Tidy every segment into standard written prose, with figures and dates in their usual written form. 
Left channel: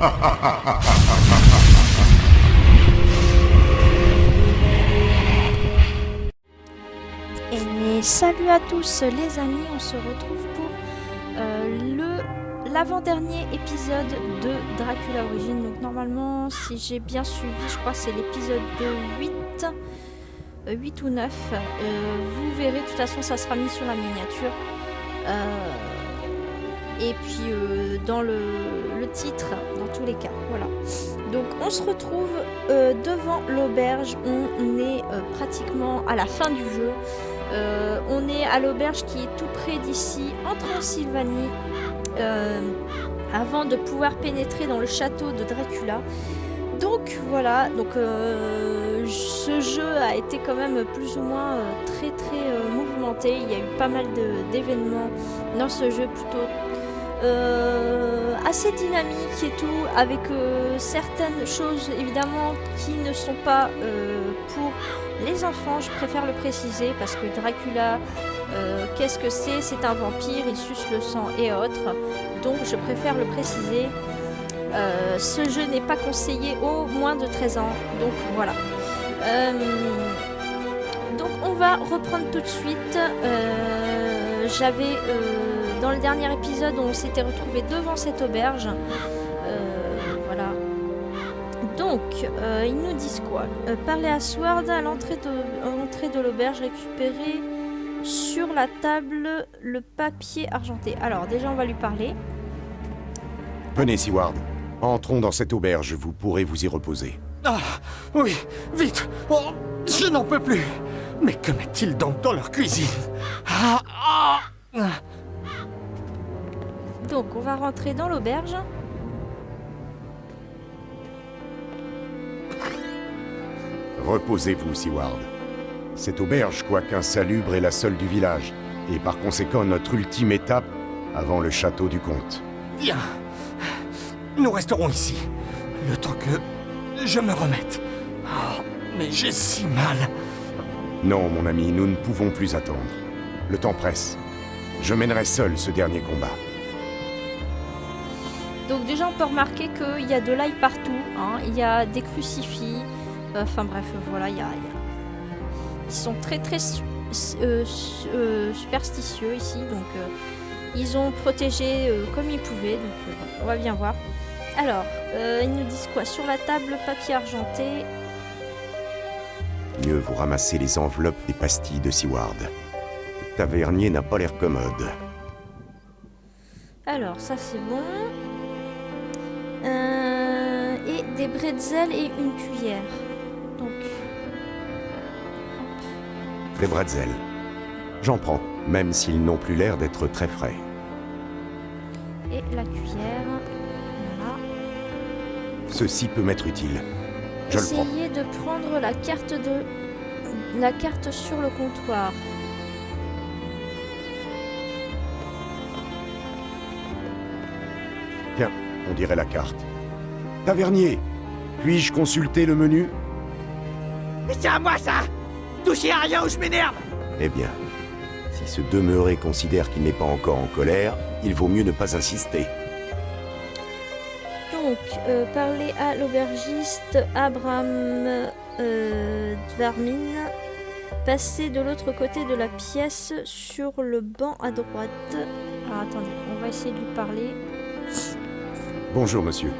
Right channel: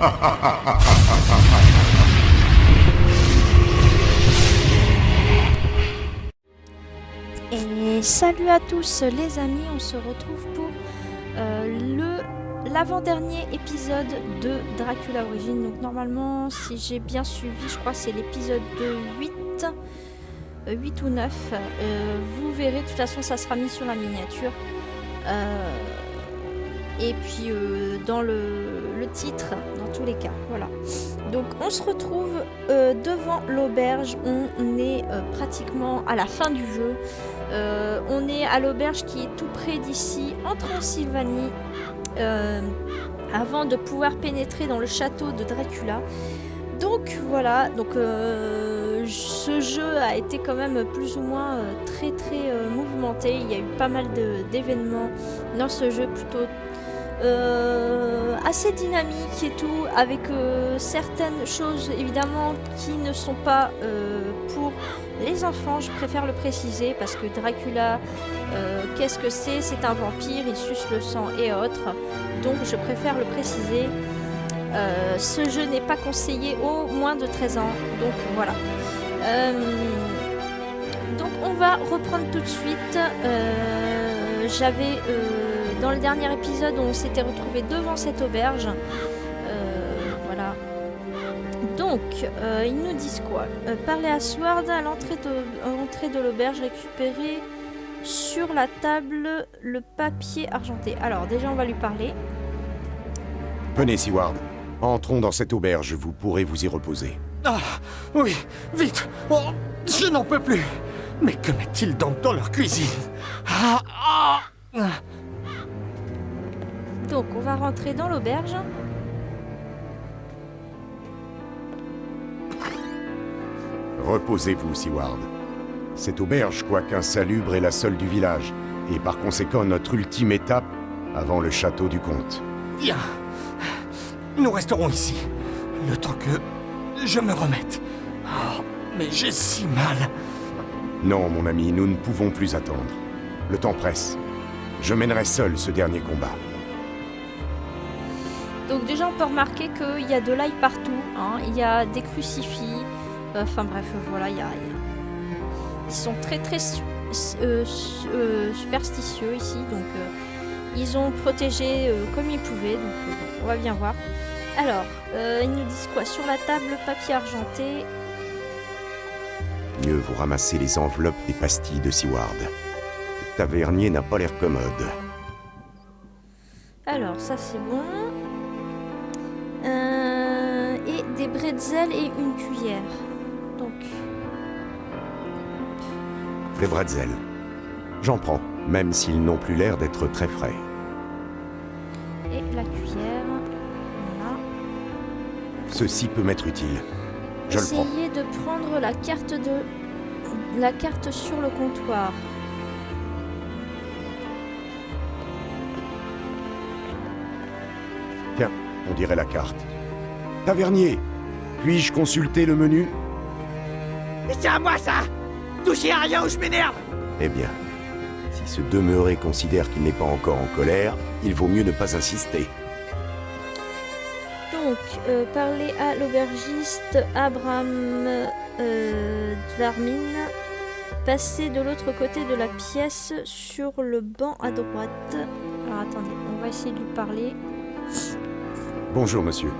Et salut à tous les amis, on se retrouve pour l'avant-dernier épisode de Dracula Origins. Donc normalement, si j'ai bien suivi, je crois que c'est l'épisode 8 ou 9. Vous verrez, de toute façon ça sera mis sur la miniature. Et puis dans le titre, dans tous les cas. Voilà. Donc on se retrouve devant l'auberge. On est pratiquement à la fin du jeu. On est à l'auberge qui est tout près d'ici, en Transylvanie, avant de pouvoir pénétrer dans le château de Dracula. Donc voilà, donc ce jeu a été quand même plus ou moins très mouvementé. Il y a eu pas mal d'événements dans ce jeu, plutôt assez dynamique et tout, avec certaines choses évidemment qui ne sont pas pour les enfants. Je préfère le préciser parce que Dracula, qu'est-ce que c'est? C'est un vampire, il suce le sang et autres, donc je préfère le préciser. Ce jeu n'est pas conseillé aux moins de 13 ans, donc voilà. Donc on va reprendre tout de suite. J'avais dans le dernier épisode, on s'était retrouvé devant cette auberge. Voilà. Donc ils nous disent quoi? Parler à Sword à l'entrée de l'auberge, récupérer sur la table le papier argenté. Alors déjà on va lui parler. Venez, Seward. Entrons dans cette auberge, vous pourrez vous y reposer. Ah, oui, vite. Oh, je n'en peux plus. Mais que met-il donc dans leur cuisine? Donc, on va rentrer dans l'auberge. Reposez-vous, Seward. Cette auberge, quoique insalubre, est la seule du village, et par conséquent notre ultime étape avant le château du comte. Bien. Nous resterons ici, le temps que je me remette. Oh, mais j'ai si mal. Non, mon ami, nous ne pouvons plus attendre. Le temps presse. Je mènerai seul ce dernier combat. Donc déjà, on peut remarquer qu'il y a de l'ail partout. Hein. Il y a des crucifix. Enfin bref, voilà, ils sont très superstitieux ici. Donc ils ont protégé comme ils pouvaient. Donc on va bien voir. Alors, ils nous disent quoi? Sur la table, papier argenté. Mieux vous ramasser les enveloppes des pastilles de Seward. Le tavernier n'a pas l'air commode. Alors, ça c'est bon. Et des bretzels et une cuillère. Donc... Les bretzels. J'en prends, même s'ils n'ont plus l'air d'être très frais. Et la cuillère... Ceci peut m'être utile. Je le prends. Essayez de prendre la carte sur le comptoir. Tiens, on dirait la carte. Tavernier, puis-je consulter le menu? Mais c'est à moi ça! Touchez à rien ou je m'énerve! Eh bien, si ce demeuré considère qu'il n'est pas encore en colère, il vaut mieux ne pas insister. Donc, parler à l'aubergiste Abraham Dvarmin. Passer de l'autre côté de la pièce sur le banc à droite. Alors attendez, on va essayer de lui parler. Bonjour monsieur,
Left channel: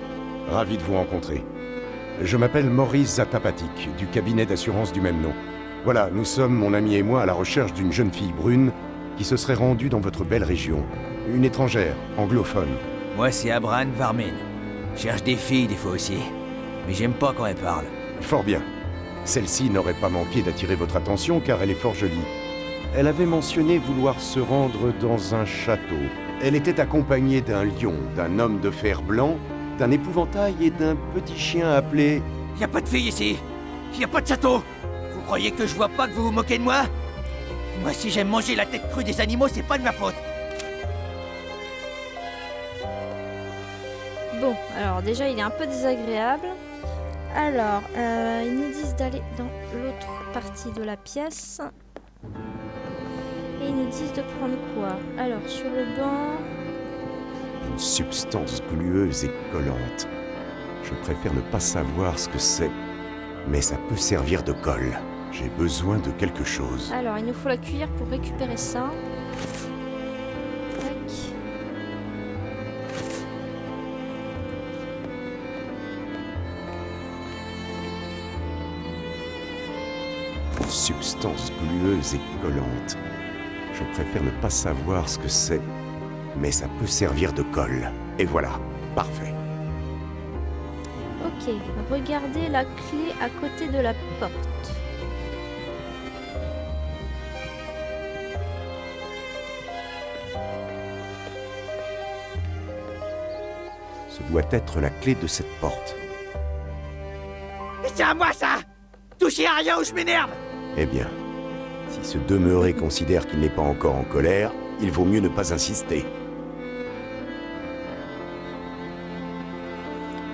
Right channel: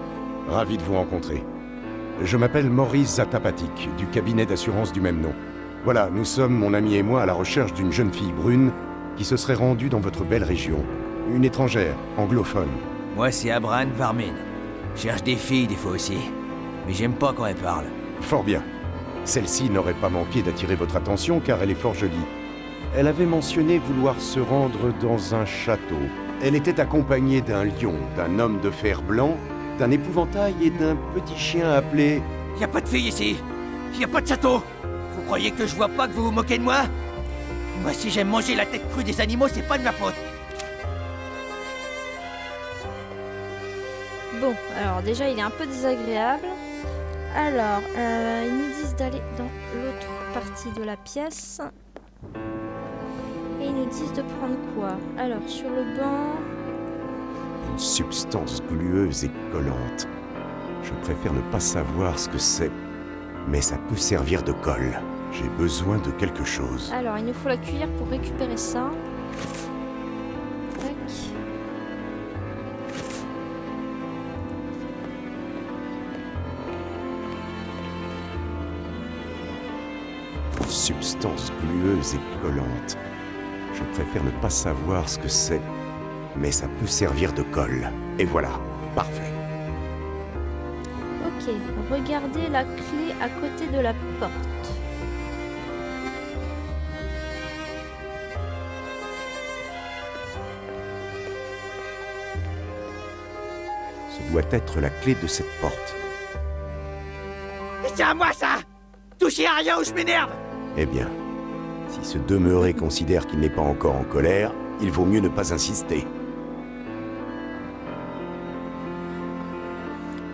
ravi de vous rencontrer. Je m'appelle Maurice Zatapatik, du cabinet d'assurance du même nom. Voilà, nous sommes, mon ami et moi, à la recherche d'une jeune fille brune qui se serait rendue dans votre belle région. Une étrangère, anglophone. Moi c'est Abraham Dvarmin. Cherche des filles des fois aussi, mais j'aime pas quand elles parlent. Fort bien. Celle-ci n'aurait pas manqué d'attirer votre attention car elle est fort jolie. Elle avait mentionné vouloir se rendre dans un château. Elle était accompagnée d'un lion, d'un homme de fer blanc, d'un épouvantail et d'un petit chien appelé... Y a pas de filles ici. Y a pas de château. Vous croyez que je vois pas que vous vous moquez de moi? Moi si j'aime manger la tête crue des animaux, c'est pas de ma faute. Bon, alors déjà il est un peu désagréable. Alors, ils nous disent d'aller dans l'autre partie de la pièce. Et ils nous disent de prendre quoi? Alors, sur le banc... Une substance glueuse et collante. Je préfère ne pas savoir ce que c'est, mais ça peut servir de colle. J'ai besoin de quelque chose. Alors, il nous faut la cuillère pour récupérer ça. Tac. Substance glueuse et collante. Je préfère ne pas savoir ce que c'est, mais ça peut servir de colle. Et voilà, parfait. Ok, regardez la clé à côté de la porte. Ce doit être la clé de cette porte. C'est à moi ça! Touchez à rien ou je m'énerve! Eh bien, si ce demeuré considère qu'il n'est pas encore en colère, il vaut mieux ne pas insister.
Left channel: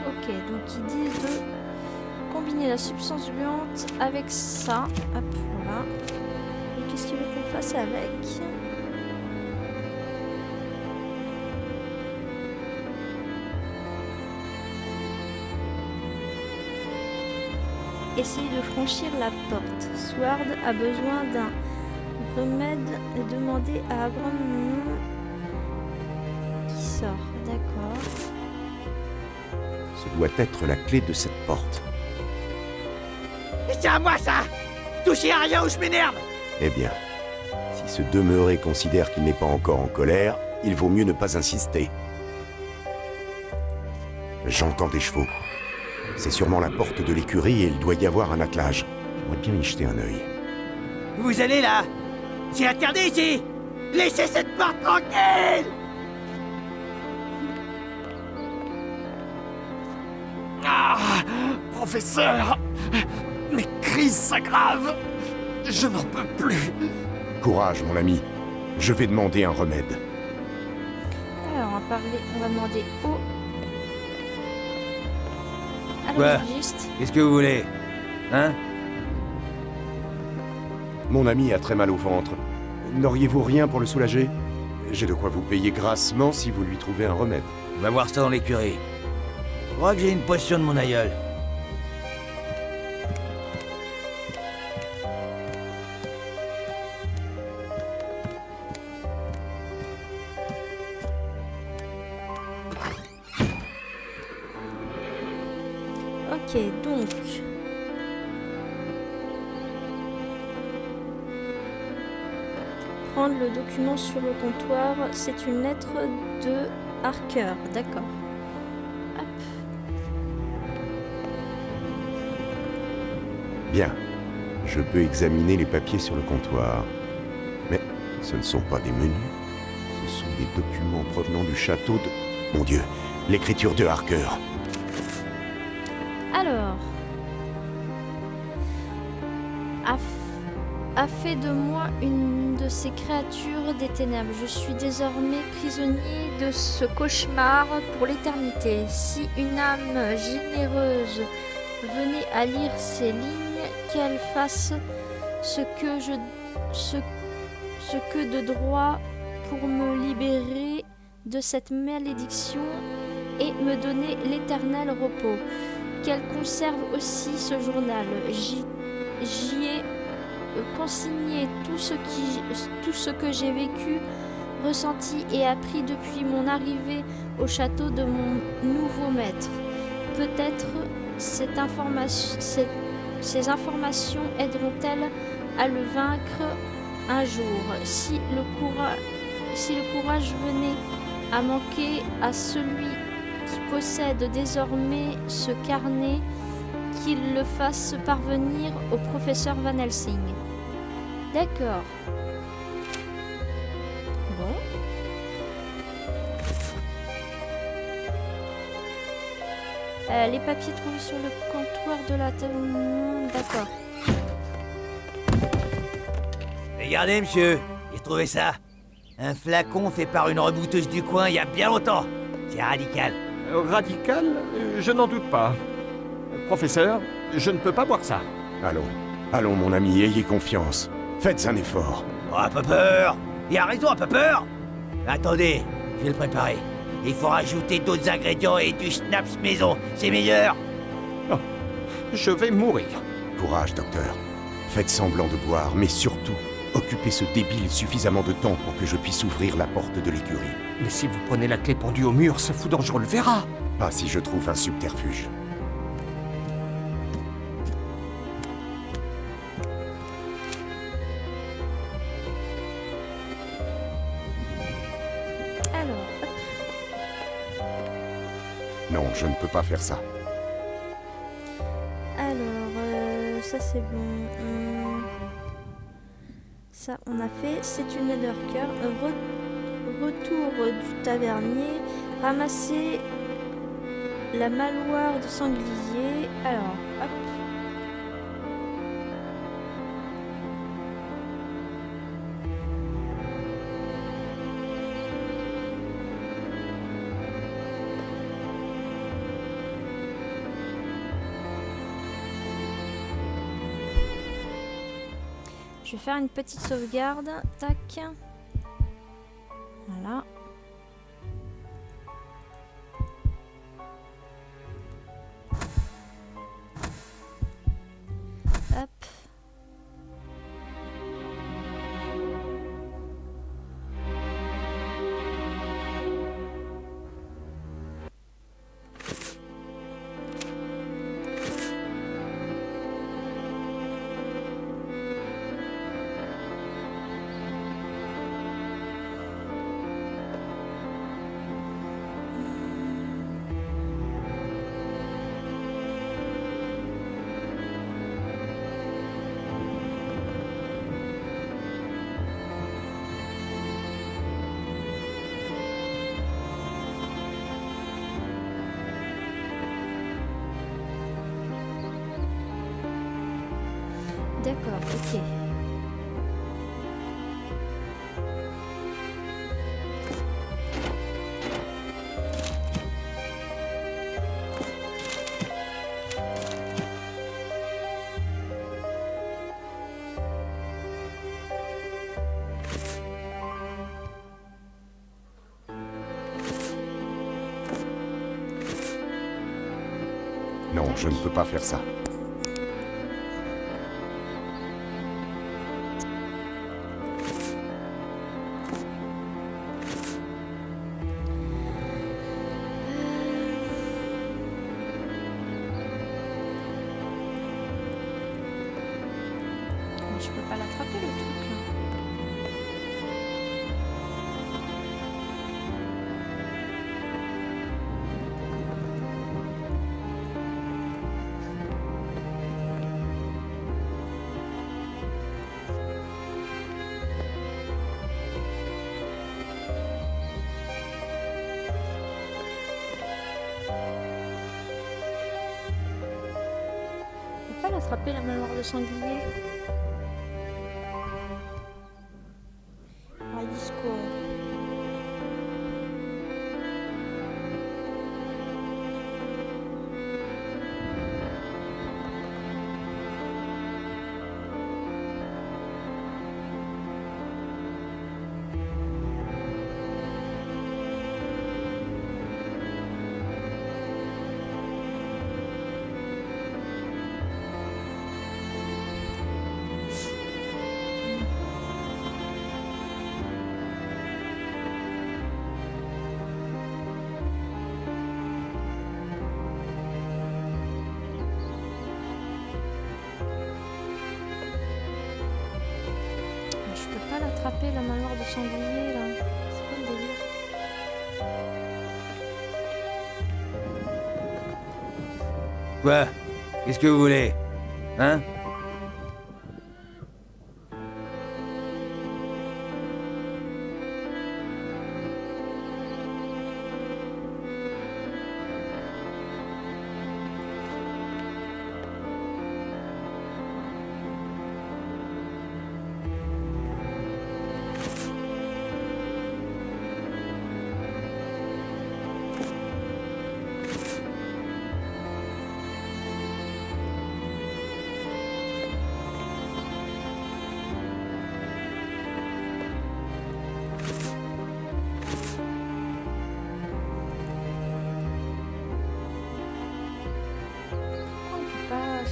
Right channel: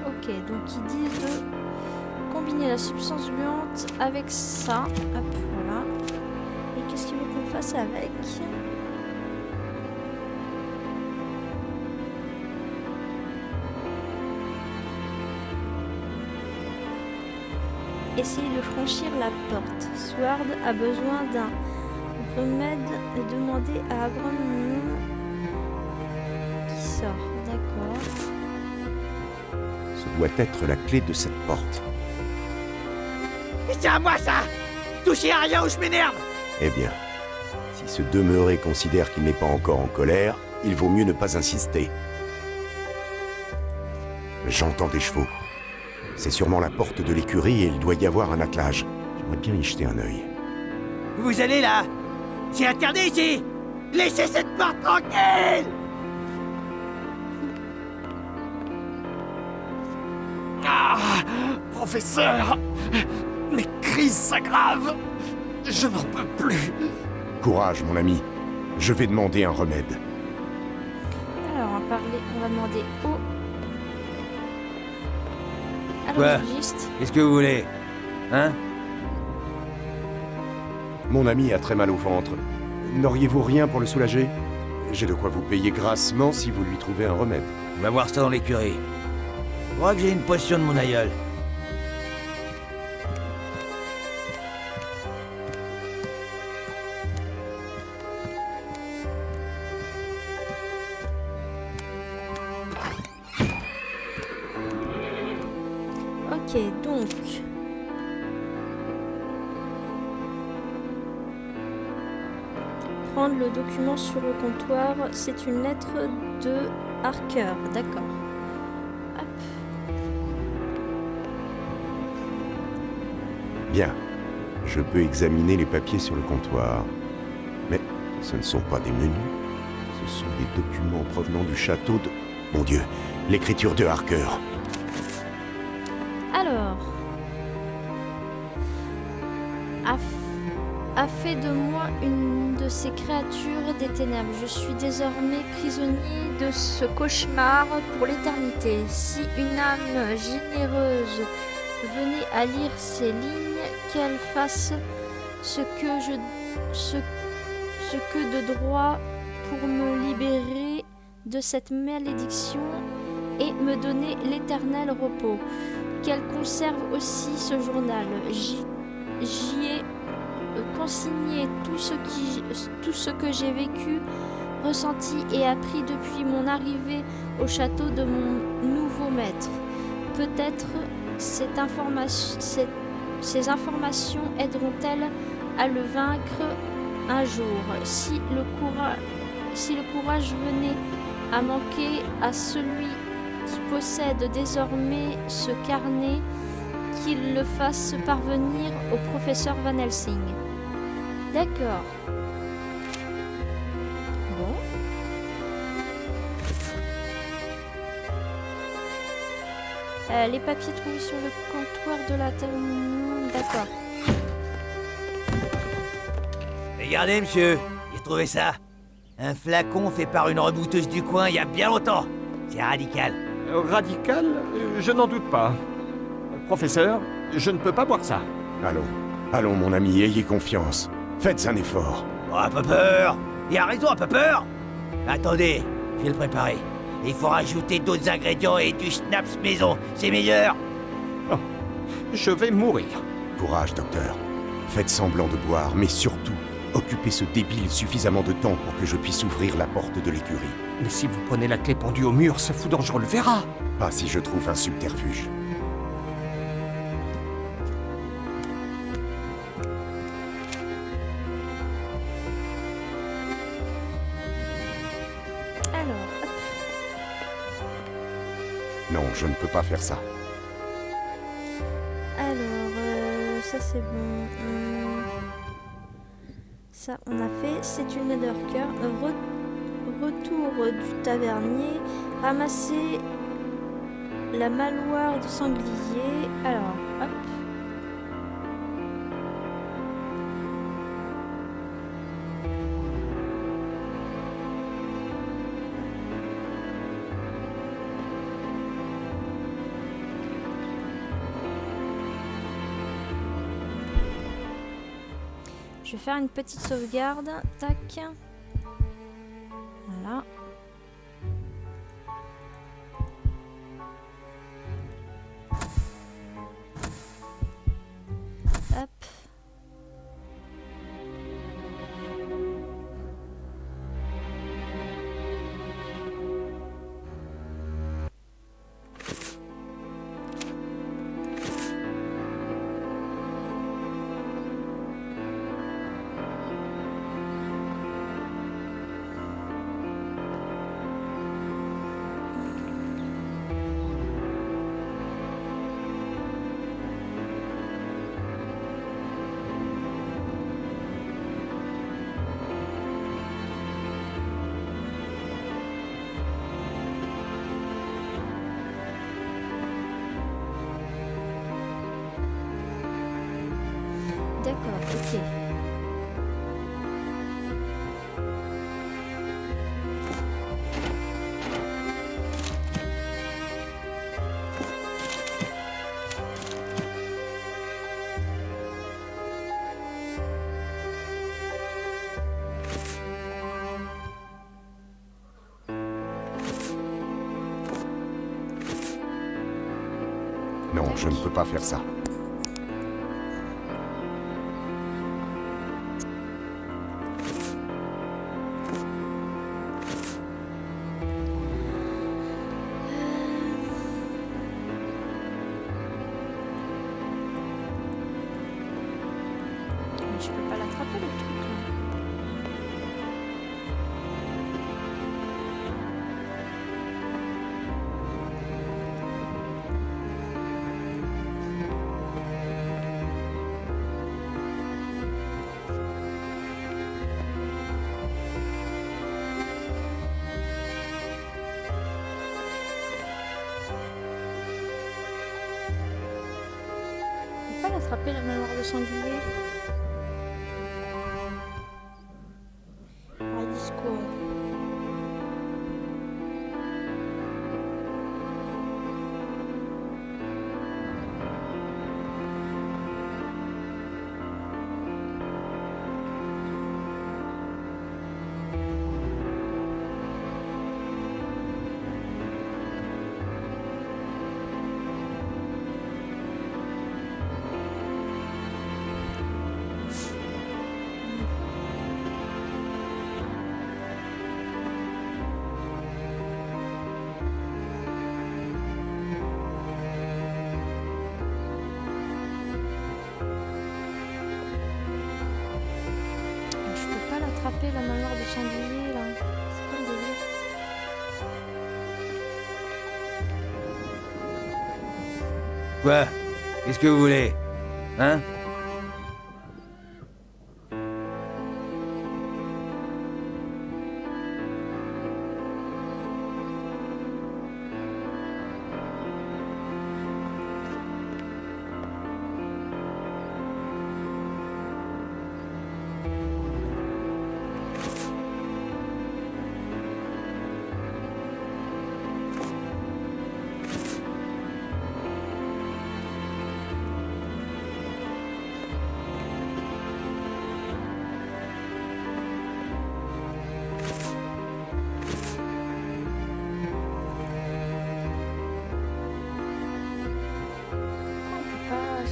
Ok, donc ils disent de combiner la substance gluante avec ça. Hop, voilà. Et qu'est-ce qu'il veut qu'on fasse avec? Essayez de franchir la porte. Sword a besoin d'un remède et demandez à Abram qui sort. D'accord. Ce doit être la clé de cette porte. C'est à moi ça! Touchez à rien ou je m'énerve! Eh bien, si ce demeuré considère qu'il n'est pas encore en colère, il vaut mieux ne pas insister. J'entends des chevaux. C'est sûrement la porte de l'écurie et il doit y avoir un attelage. J'aimerais bien y jeter un œil. Vous allez là! C'est interdit ici! Laissez cette porte tranquille! Ah, professeur, mes crises s'aggravent. Je n'en peux plus. Courage, mon ami. Je vais demander un remède. Alors, on va demander au... à Quoi? l'aubergiste. Qu'est-ce que vous voulez? Hein? Mon ami a très mal au ventre. N'auriez-vous rien pour le soulager? J'ai de quoi vous payer grassement si vous lui trouvez un remède. On va voir ça dans l'écurie. Je crois que j'ai une potion de mon aïeul. Ok, donc... Prendre le document sur le comptoir, c'est une lettre de Harker, d'accord. Hop. Bien. Je peux examiner les papiers sur le comptoir. Mais ce ne sont pas des menus. Ce sont des documents provenant du château de... Mon Dieu, l'écriture de Harker. Alors... A fait de moi une de ces créatures des ténèbres. Je suis désormais prisonnier de ce cauchemar pour l'éternité. Si une âme généreuse venait à lire ces lignes, qu'elle fasse ce que de droit pour me libérer de cette malédiction et me donner l'éternel repos. Qu'elle conserve aussi ce journal. J'y ai consigné tout ce que j'ai vécu, ressenti et appris depuis mon arrivée au château de mon nouveau maître. Peut-être ces informations aideront-elles à le vaincre un jour. Si le courage venait à manquer à celui qui possède désormais ce carnet, qu'il le fasse parvenir au professeur Van Helsing. D'accord. Bon. Les papiers trouvés sur le comptoir de la taverne. D'accord. Regardez, monsieur, j'ai trouvé ça. Un flacon fait par une rebouteuse du coin il y a bien longtemps. C'est radical. Radical, je n'en doute pas. Professeur, je ne peux pas boire ça. Allons, mon ami, ayez confiance. Faites un effort. Oh, pas peur. Il a raison, pas peur. Attendez, je vais le préparer. Il faut rajouter d'autres ingrédients et du schnapps maison, c'est meilleur. Je vais mourir. Courage, docteur. Faites semblant de boire, mais surtout, occupez ce débile suffisamment de temps pour que je puisse ouvrir la porte de l'écurie. Mais si vous prenez la clé pendue au mur, ce fou dangereux le verra. Pas si je trouve un subterfuge. Alors, hop. Non, je ne peux pas faire ça. Alors, ça c'est bon. Ça on a fait. C'est une Nethercœur. Retour du tavernier. Ramasser la maloire de sanglier. Alors, hop. Je vais faire une petite sauvegarde. Tac. Voilà. Hop. D'accord, ok. Non, je ne peux pas faire ça. Mais je peux pas l'attraper le truc là. Je peux pas l'attraper la maloire de sanglier. Disco. Je peux pas l'attraper la maloire de sanglier là. C'est quoi le délire? Quoi? Qu'est-ce que vous voulez? Hein?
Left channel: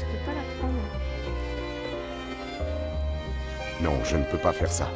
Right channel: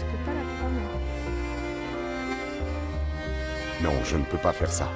Je peux pas la prendre. Non, je ne peux pas faire ça.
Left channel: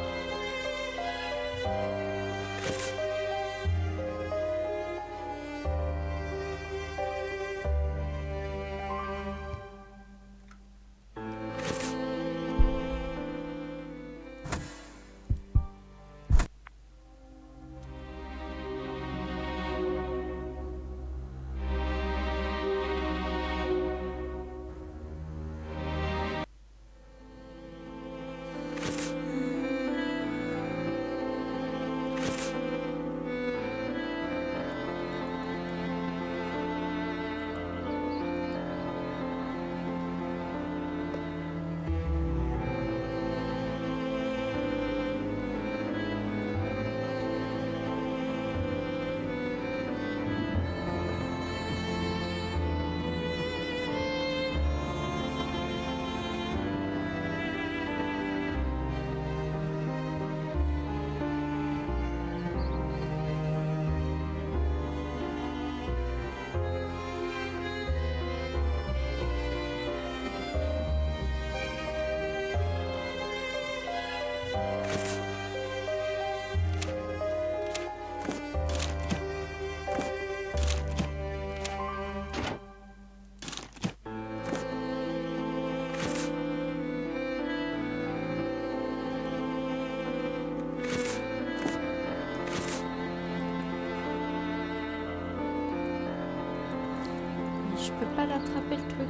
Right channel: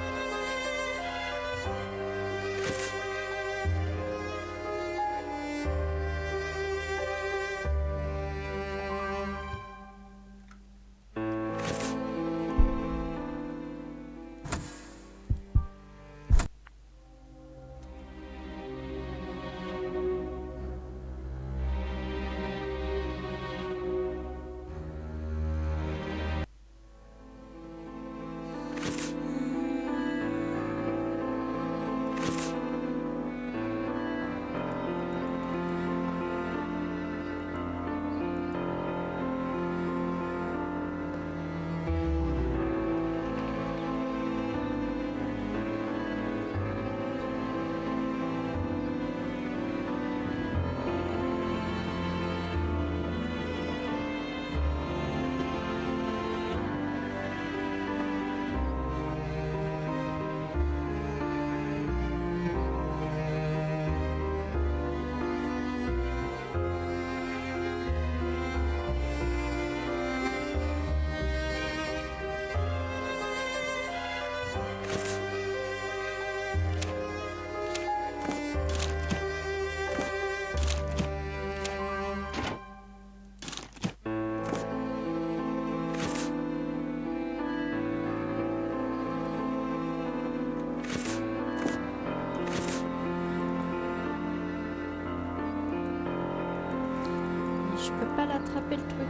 Je peux pas l'attraper le truc.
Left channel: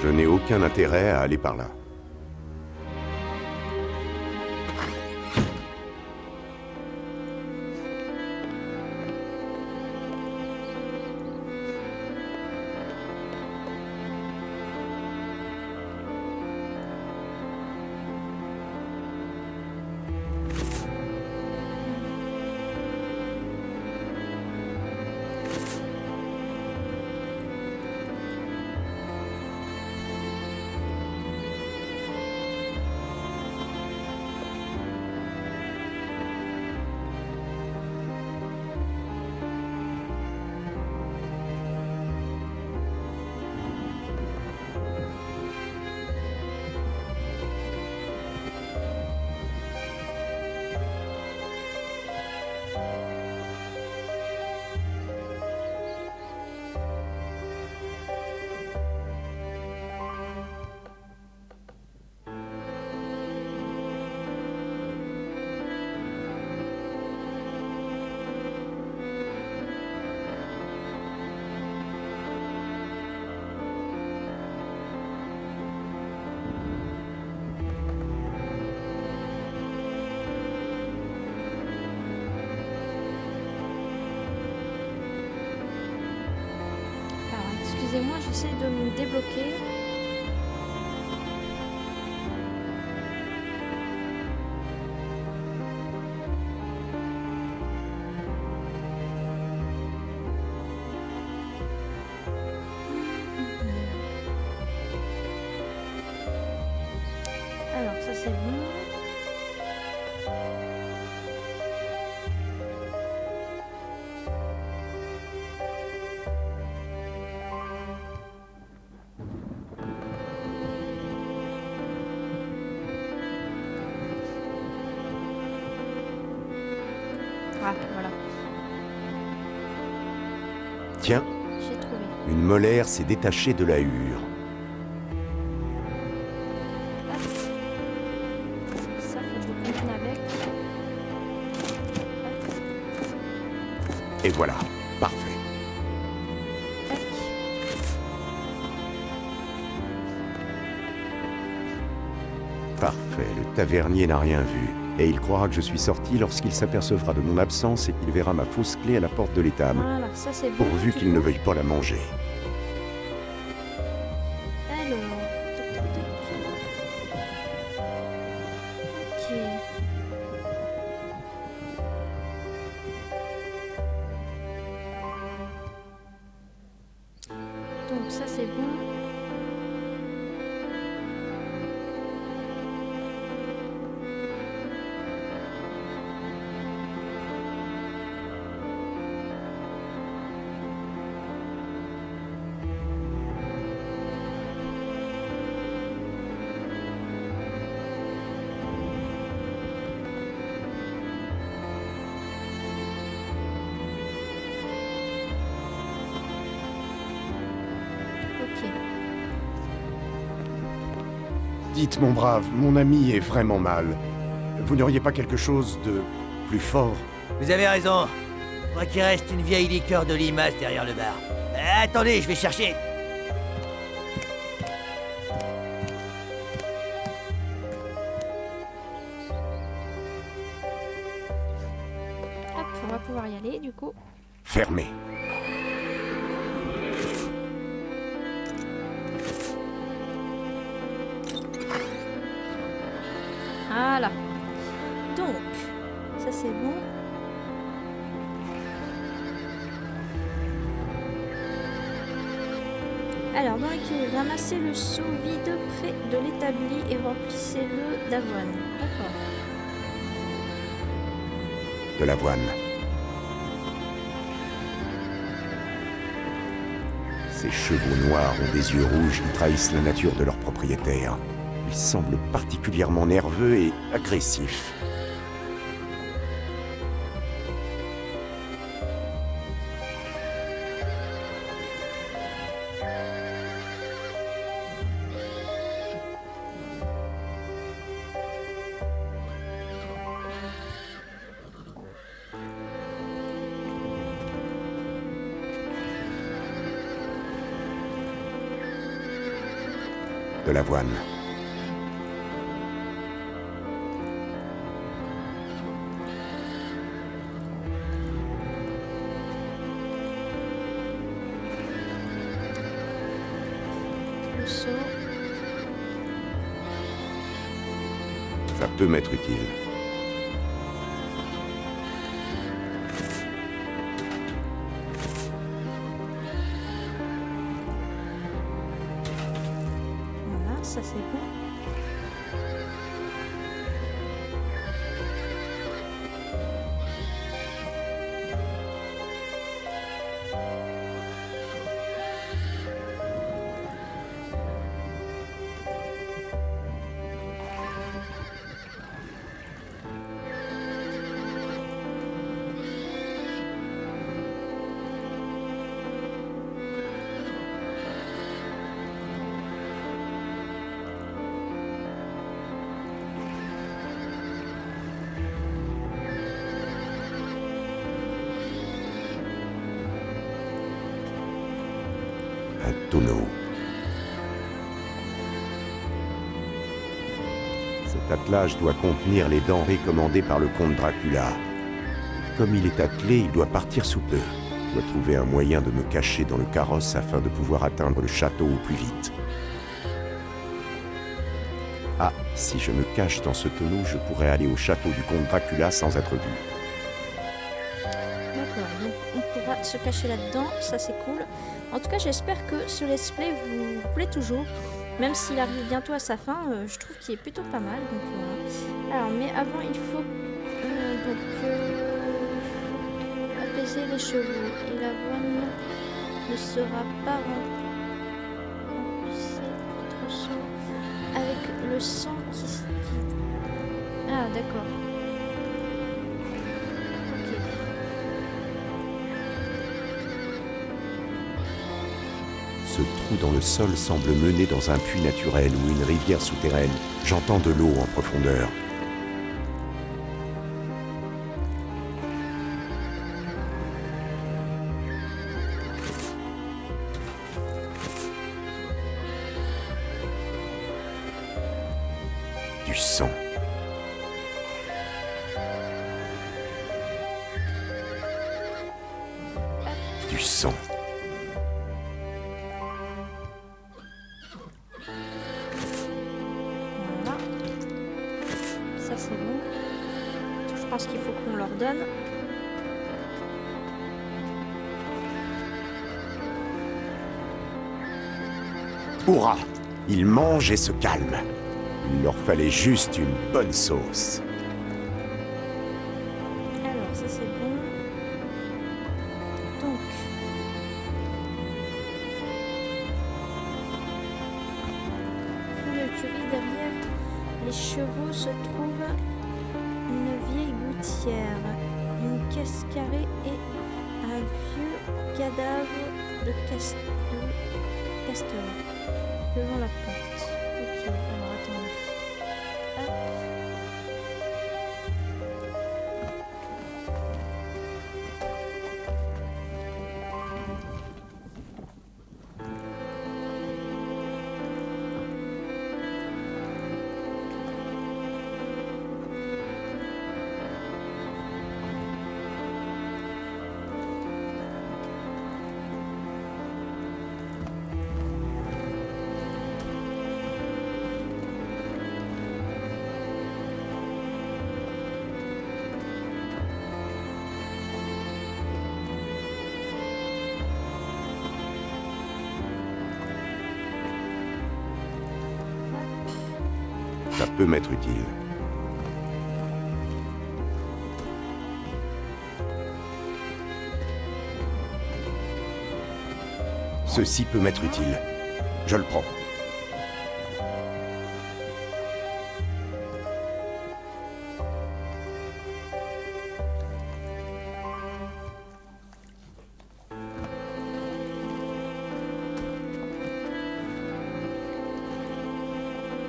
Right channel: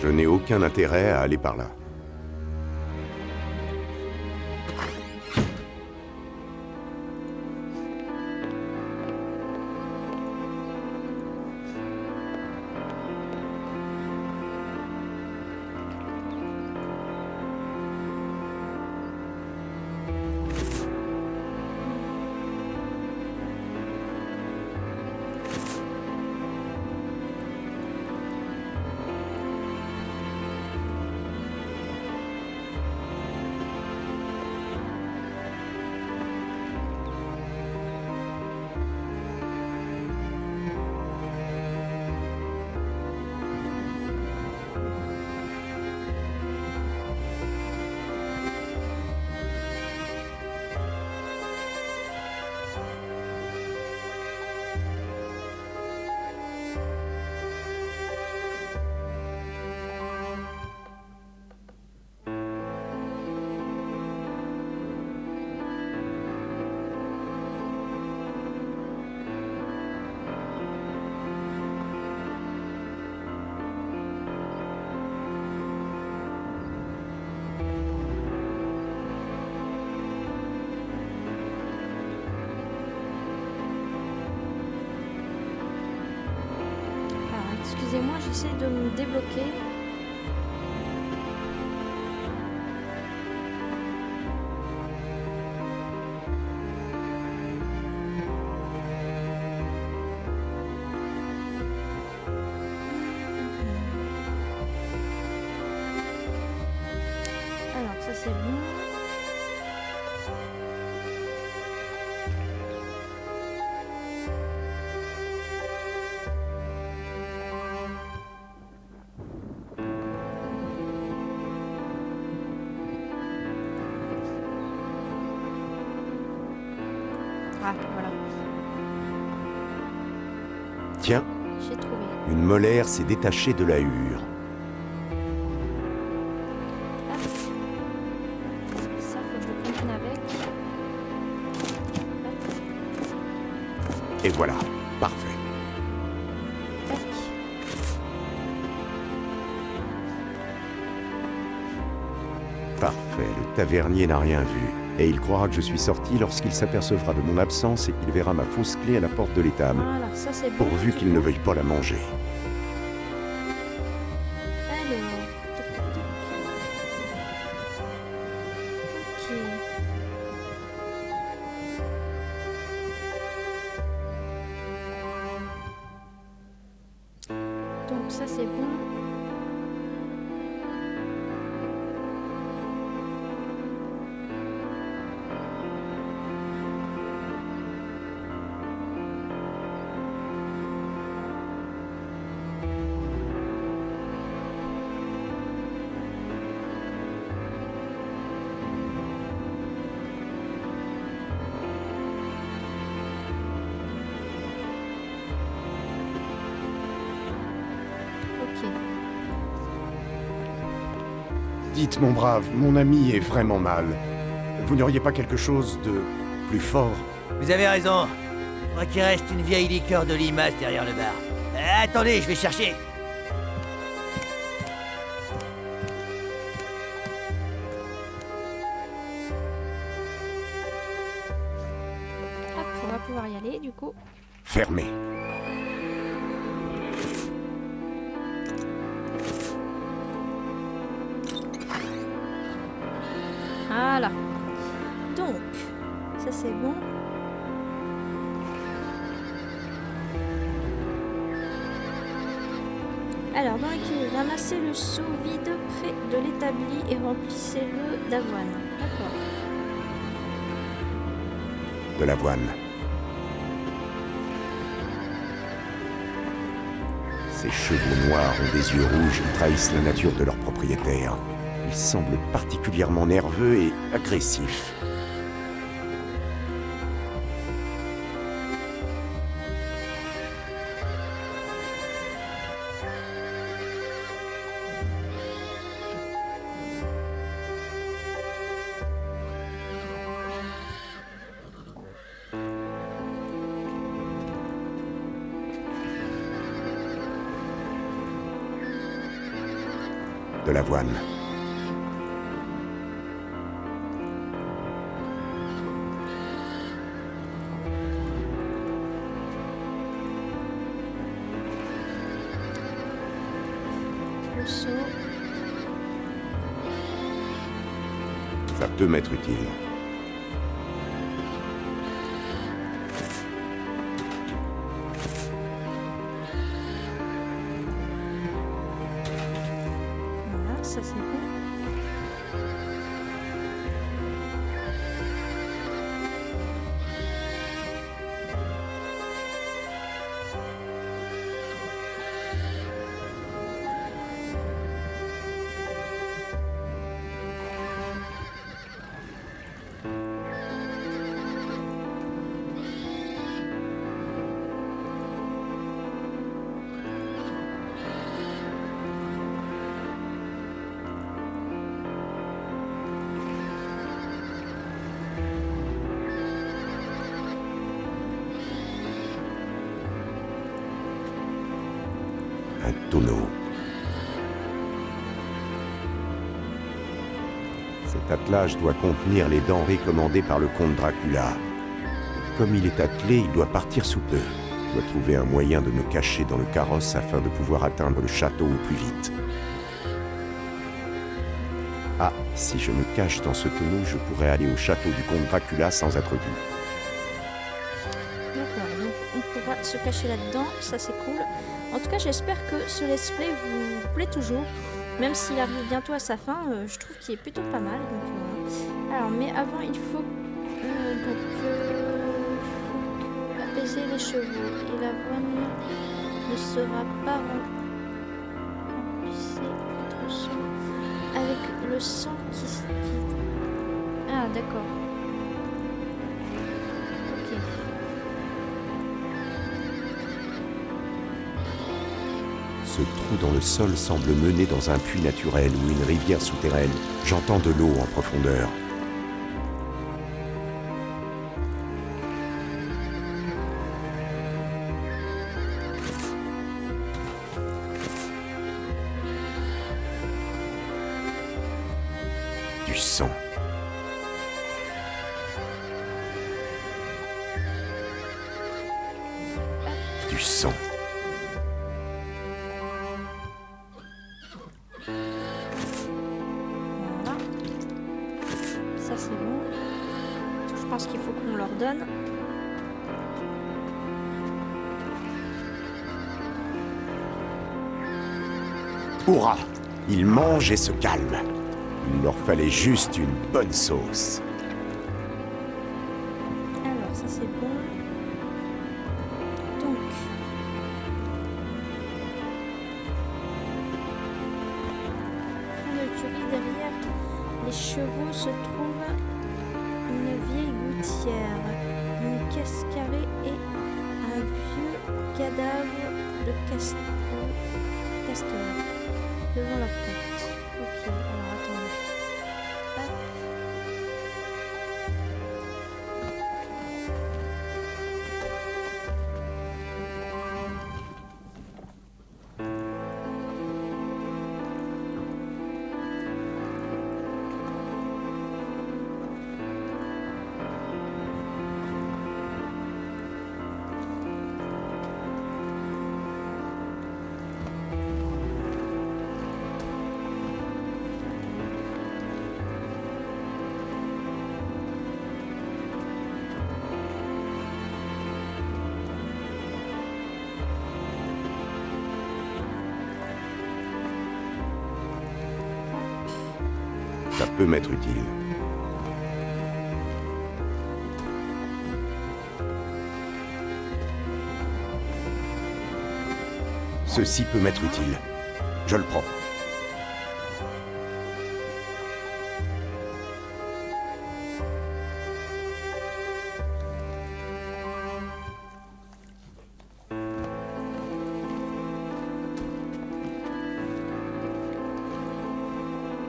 Je n'ai aucun intérêt à aller par là. Excusez-moi, j'essaie de me débloquer. Alors ça c'est bon. Ah, voilà. Tiens, J'ai trouvé. une molaire s'est détachée de la hure. Hop. Ça, faut que je le combine avec. Hop. Et voilà, parfait. Tac. Parfait, le tavernier n'a rien vu. Et il croira que je suis sorti lorsqu'il s'apercevra de mon absence et qu'il verra ma fausse clé à la porte de l'étable. Voilà, ça c'est bon. Pourvu du qu'il coup. ne veuille pas la manger. Alors, tac, tac, tac. Ok. ça c'est bon. Ok. Dites, mon brave, mon ami est vraiment mal. Vous n'auriez pas quelque chose de plus fort? Vous avez raison. Je crois qu'il reste une vieille liqueur de limace derrière le bar. Attendez, je vais chercher. Hop, on va pouvoir y aller du coup. Fermé. Voilà. Donc, ça c'est bon. Alors, dans l'équilibre, ramassez le seau vide près de l'établi et remplissez-le d'avoine. D'accord. De l'avoine. Ces chevaux noirs ont des yeux rouges qui trahissent la nature de leur propriétaire. Ils semblent particulièrement nerveux et agressifs. De l'avoine. Le seau. Ça peut m'être utile. Voilà, ça c'est bon. Un tonneau. Cet attelage doit contenir les denrées commandées par le comte Dracula. Et comme il est attelé, il doit partir sous peu. Je dois trouver un moyen de me cacher dans le carrosse afin de pouvoir atteindre le château au plus vite. Ah, si je me cache dans ce tonneau, je pourrais aller au château du comte Dracula sans être vu. D'accord, donc on pourra se cacher là-dedans, ça c'est cool. En tout cas, j'espère que ce let's play vous plaît toujours. Même s'il arrive bientôt à sa fin, je trouve qu'il est plutôt pas mal. Donc voilà. Alors, mais avant, il faut apaiser les chevaux. Et l'avoine ne sera pas remplissez votre sang avec le sang qui... Ah, d'accord. Ok. Ce trou dans le sol semble mener dans un puits naturel ou une rivière souterraine. J'entends de l'eau en profondeur. Du sang. Du sang. Voilà. Ça c'est bon. Je pense qu'il faut qu'on leur donne. Hurrah! Ils mangent et se calment. Il leur fallait juste une bonne sauce. Alors, ça c'est bon. Donc. Fond de l'écurie, derrière les chevaux se trouve une vieille gouttière, une caisse carrée et un vieux cadavre de castor devant la porte. Ok, alors attendez. Hop. Ça peut m'être utile. Ceci peut m'être utile. Je le prends.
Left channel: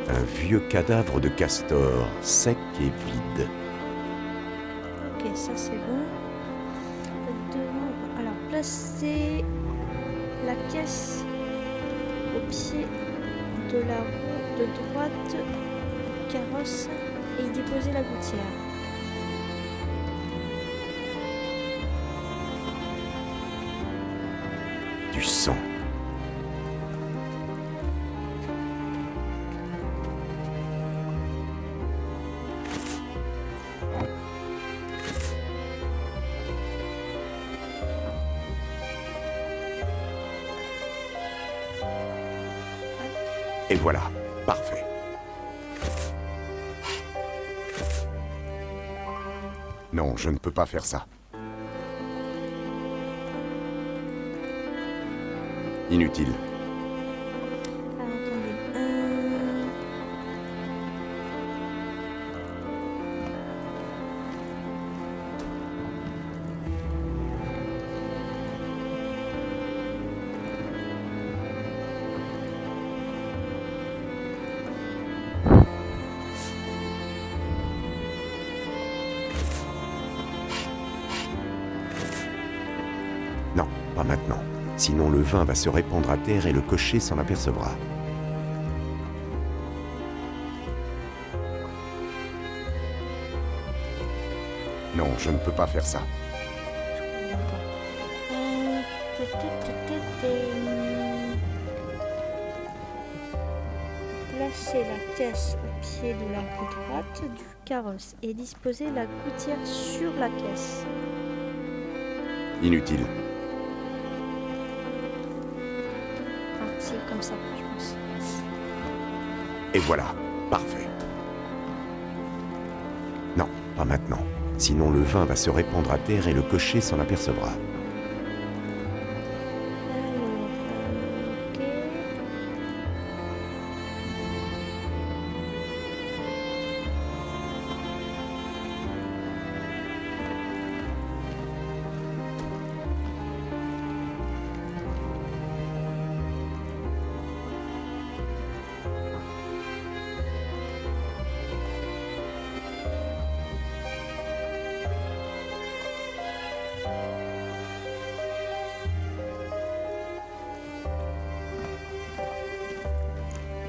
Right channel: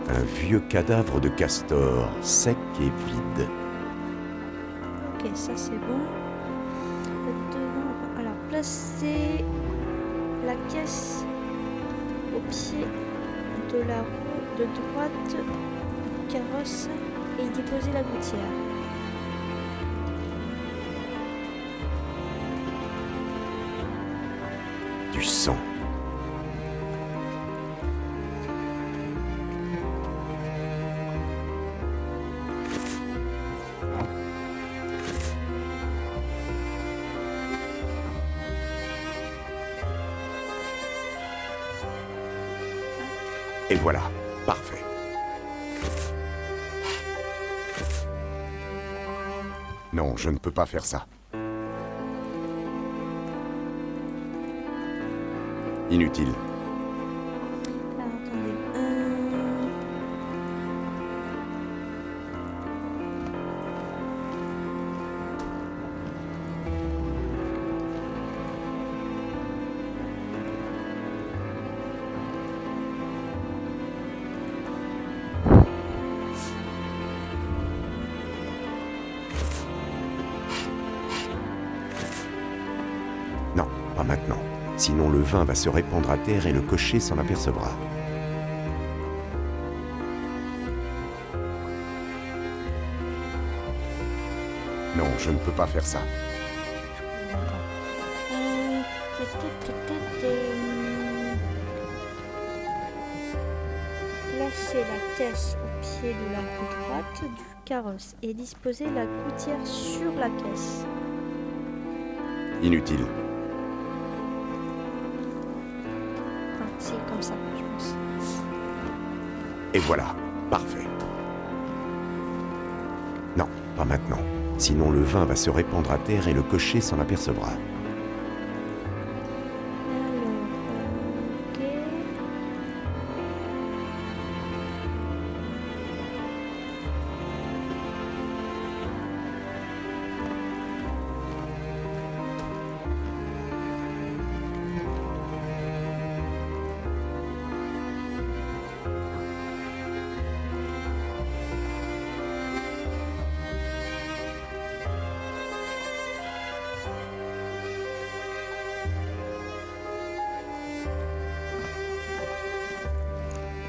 Un vieux cadavre de castor, sec et vide. Ok, ça c'est bon. Devant, alors placez la caisse au pied de la roue de droite du carrosse et y déposez la gouttière. Du sang. Et voilà, parfait. Non, je ne peux pas faire ça. Inutile. Alors attendez. Non, pas maintenant. Sinon le vin va se répandre à terre et le cocher s'en apercevra. Non, je ne peux pas faire ça. Je comprends pas. Placez la caisse au pied de la roue droite du carrosse et disposez la gouttière sur la caisse. Inutile. Ah, c'est comme ça, je pense. Et voilà, parfait. Non, pas maintenant. Sinon le vin va se répandre à terre et le cocher s'en apercevra. Alors, ok.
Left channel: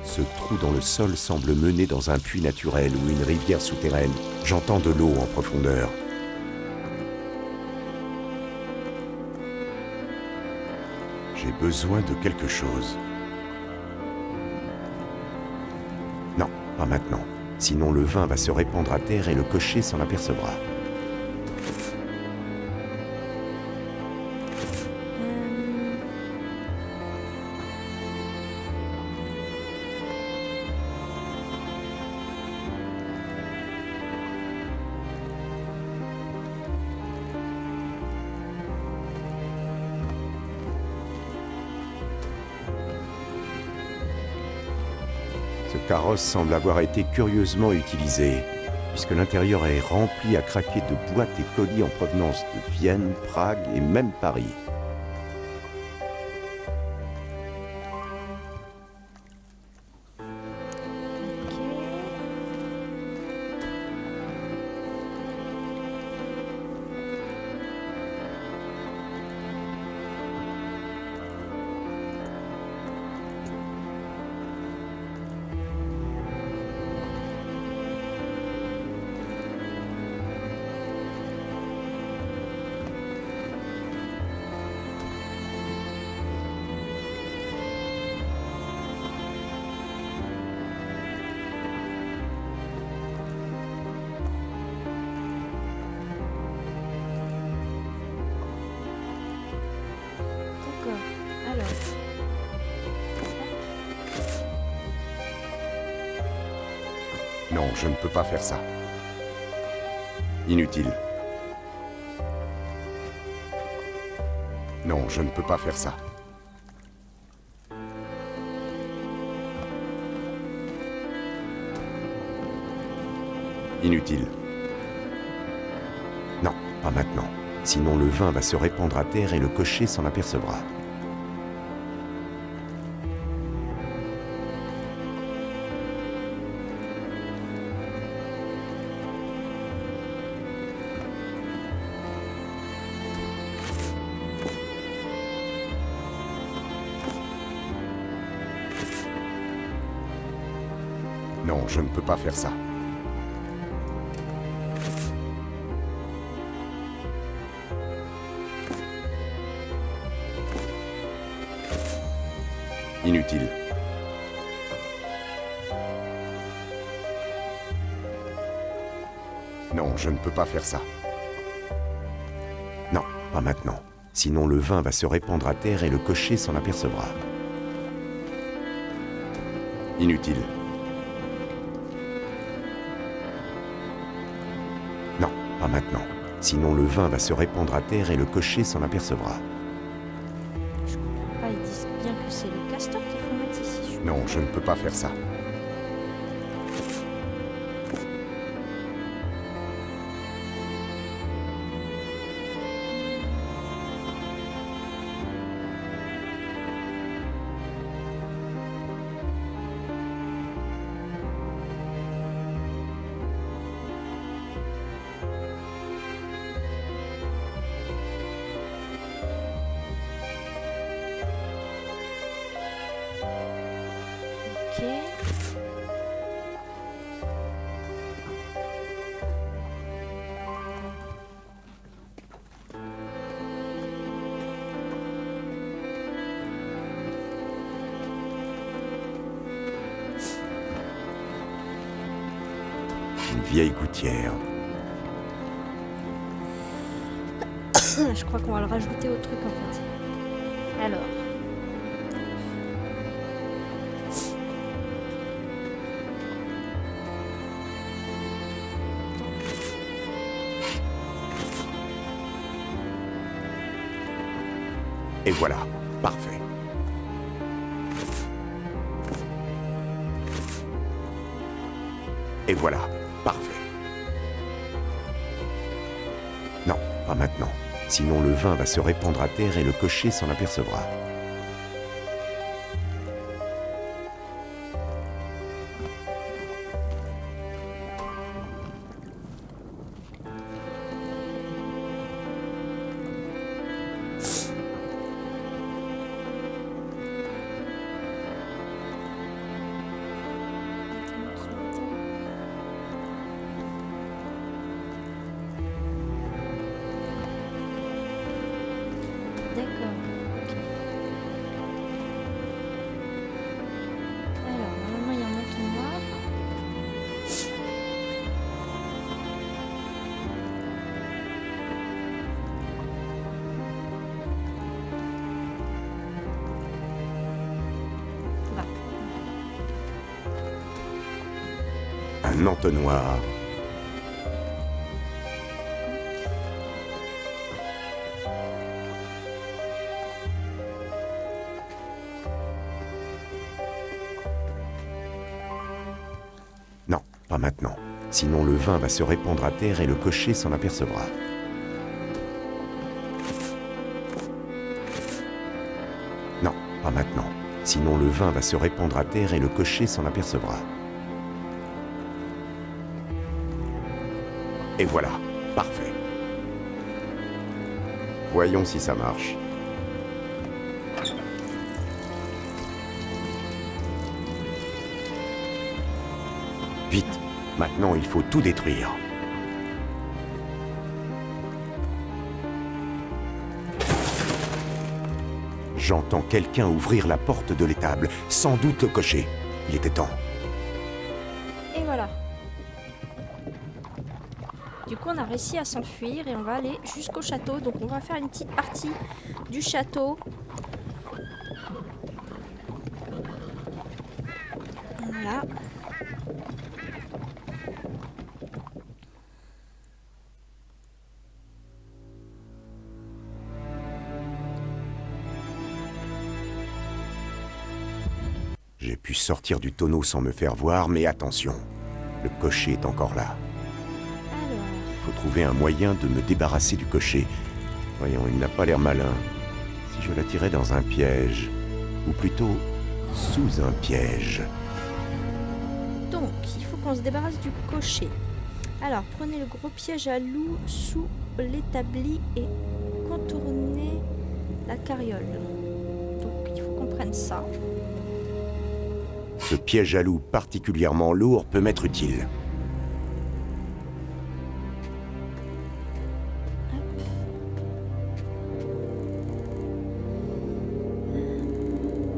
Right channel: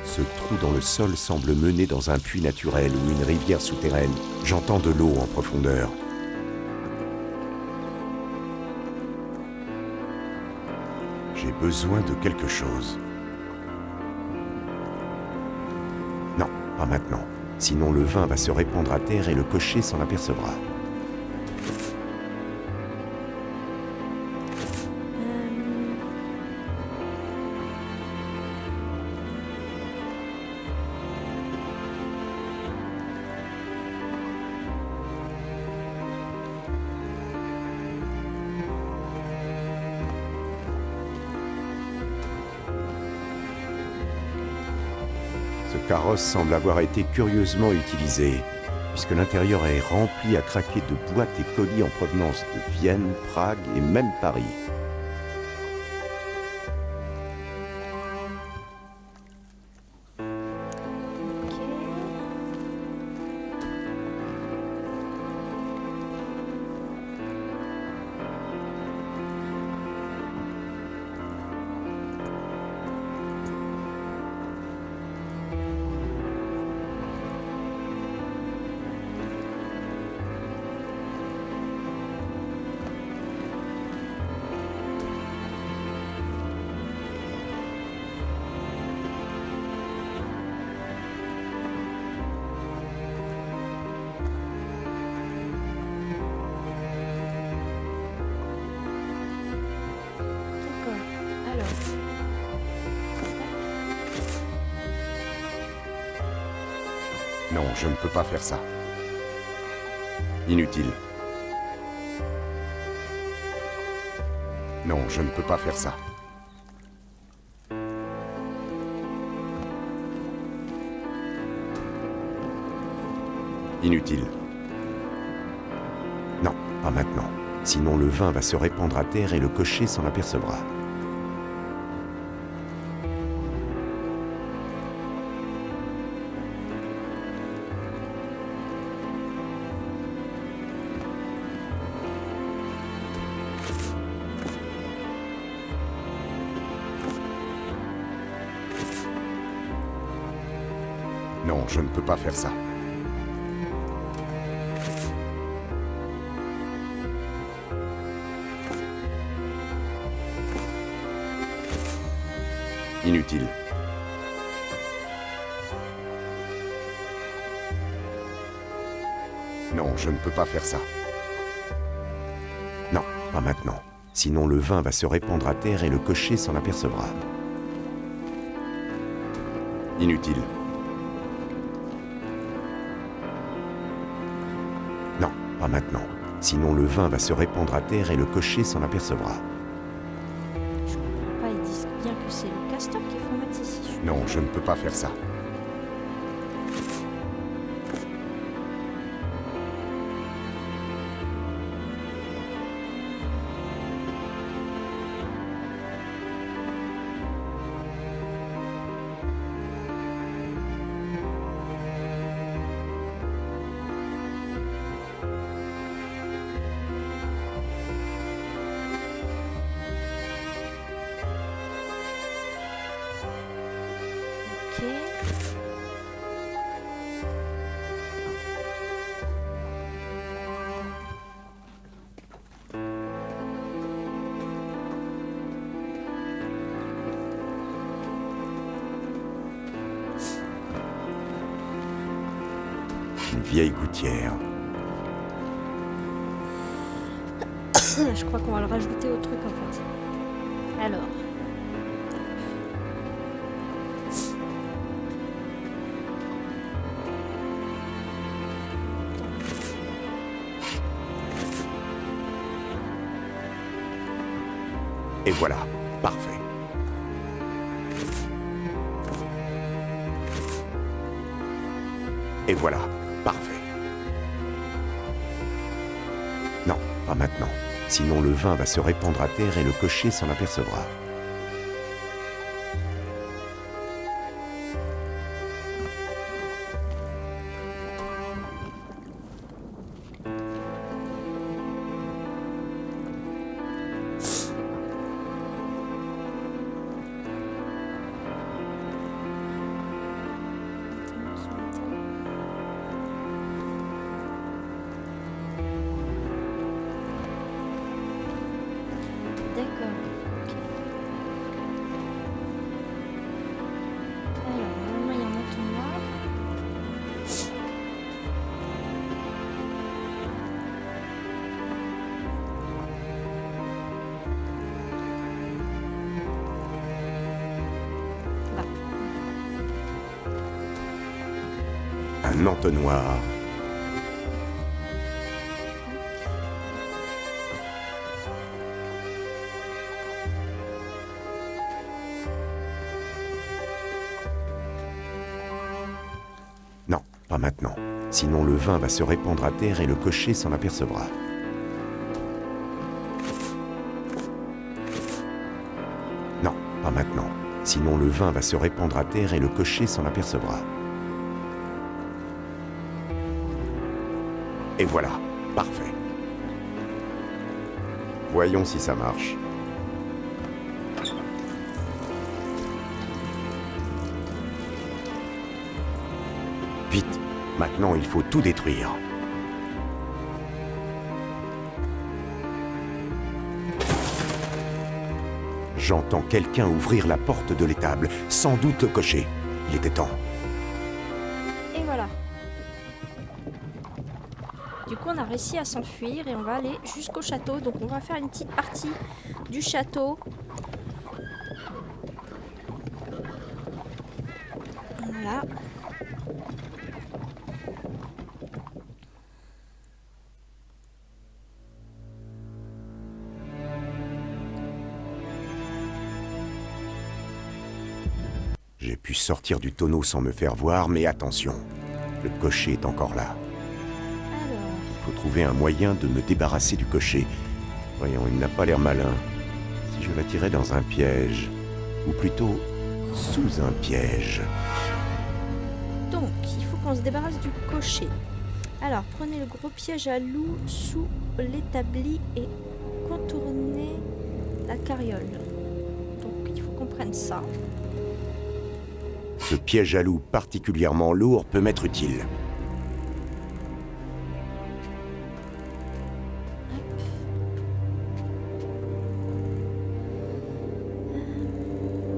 Ce trou dans le sol semble mener dans un puits naturel ou une rivière souterraine. J'entends de l'eau en profondeur. J'ai besoin de quelque chose. Non, pas maintenant. Sinon le vin va se répandre à terre et le cocher s'en apercevra. Ce carrosse semble avoir été curieusement utilisé, puisque l'intérieur est rempli à craquer de boîtes et colis en provenance de Vienne, Prague et même Paris. Ok. D'accord. Alors. Non, je ne peux pas faire ça. Inutile. Non, je ne peux pas faire ça. Inutile. Non, pas maintenant. Sinon le vin va se répandre à terre et le cocher s'en apercevra. Non, je ne peux pas faire ça. Inutile. Non, je ne peux pas faire ça. Non, pas maintenant. Sinon le vin va se répandre à terre et le cocher s'en apercevra. Inutile. Non, pas maintenant. Sinon le vin va se répandre à terre et le cocher s'en apercevra. Je comprends pas, ils disent bien que c'est le castor qu'il faut mettre ici. Non, je ne peux pas faire ça. Ok. Une vieille gouttière. Je crois qu'on va le rajouter au truc en fait. Alors. Et voilà, parfait. Et voilà, parfait. Non, pas maintenant. Sinon le vin va se répandre à terre et le cocher s'en apercevra. D'accord. Ok. Alors, normalement, il y a un entonnoir. Là. Un entonnoir. pas maintenant. Sinon le vin va se répandre à terre et le cocher s'en apercevra. Non, pas maintenant. Sinon le vin va se répandre à terre et le cocher s'en apercevra. Et voilà, parfait. Voyons si ça marche. Vite, maintenant il faut tout détruire. J'entends quelqu'un ouvrir la porte de l'étable, sans doute le cocher. Il était temps. Et voilà. Du coup, on a réussi à s'enfuir et on va aller jusqu'au château. Donc, on va faire une petite partie du château. Voilà. J'ai pu sortir du tonneau sans me faire voir, mais attention, le cocher est encore là. Alors, Il faut trouver un moyen de me débarrasser du cocher. Voyons, il n'a pas l'air malin. Si je l'attirais dans un piège, ou plutôt sous un piège. donc, il faut qu'on se débarrasse du cocher. Alors, prenez le gros piège à loup sous l'établi et contournez la carriole. Donc, il faut qu'on prenne ça. Ce piège à loup particulièrement lourd peut m'être utile.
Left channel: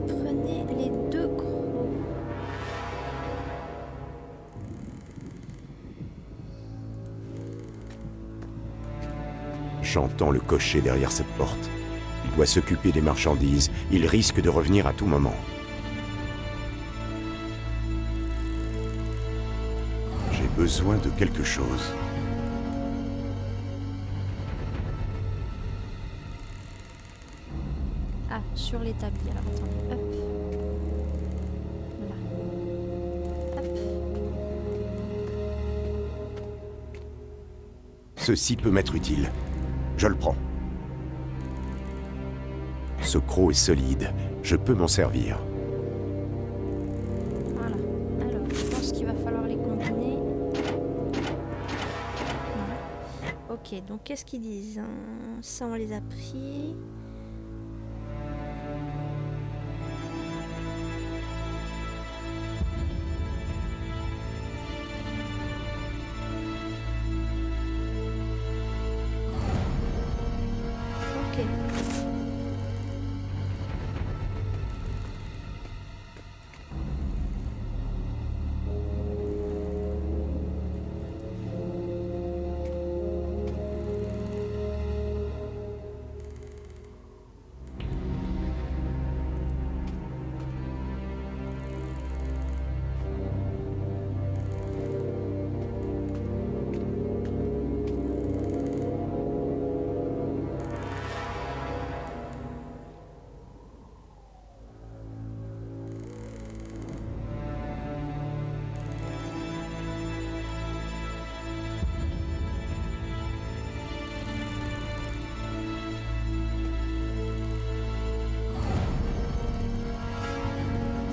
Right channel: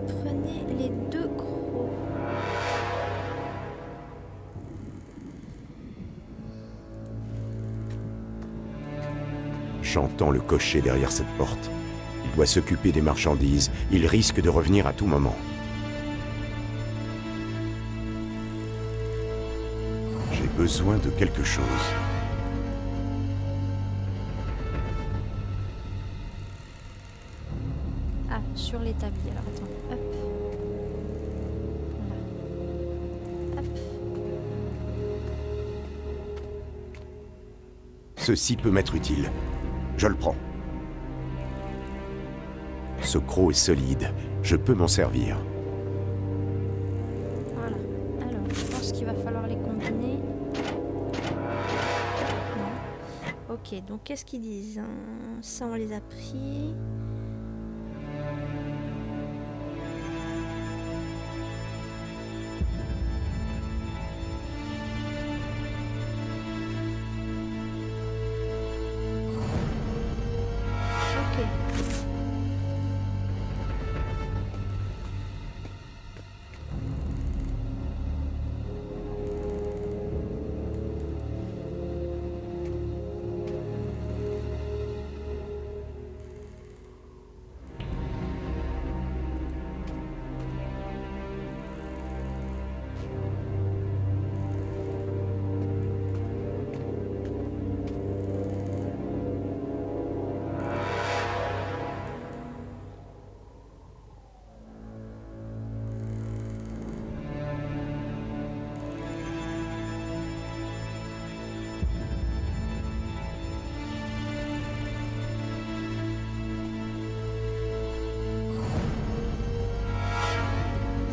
Prenez les deux gros. J'entends le cocher derrière cette porte. Il doit s'occuper des marchandises. Il risque de revenir à tout moment. J'ai besoin de quelque chose. Ah, sur l'établi. Alors, attendez. Hop. Là. Hop. Ceci peut m'être utile. Je le prends. Ce croc est solide. Je peux m'en servir. Voilà. Alors, je pense qu'il va falloir les combiner. Non. Ok, donc qu'est-ce qu'ils disent, hein? Ça, on les a pris. Ok.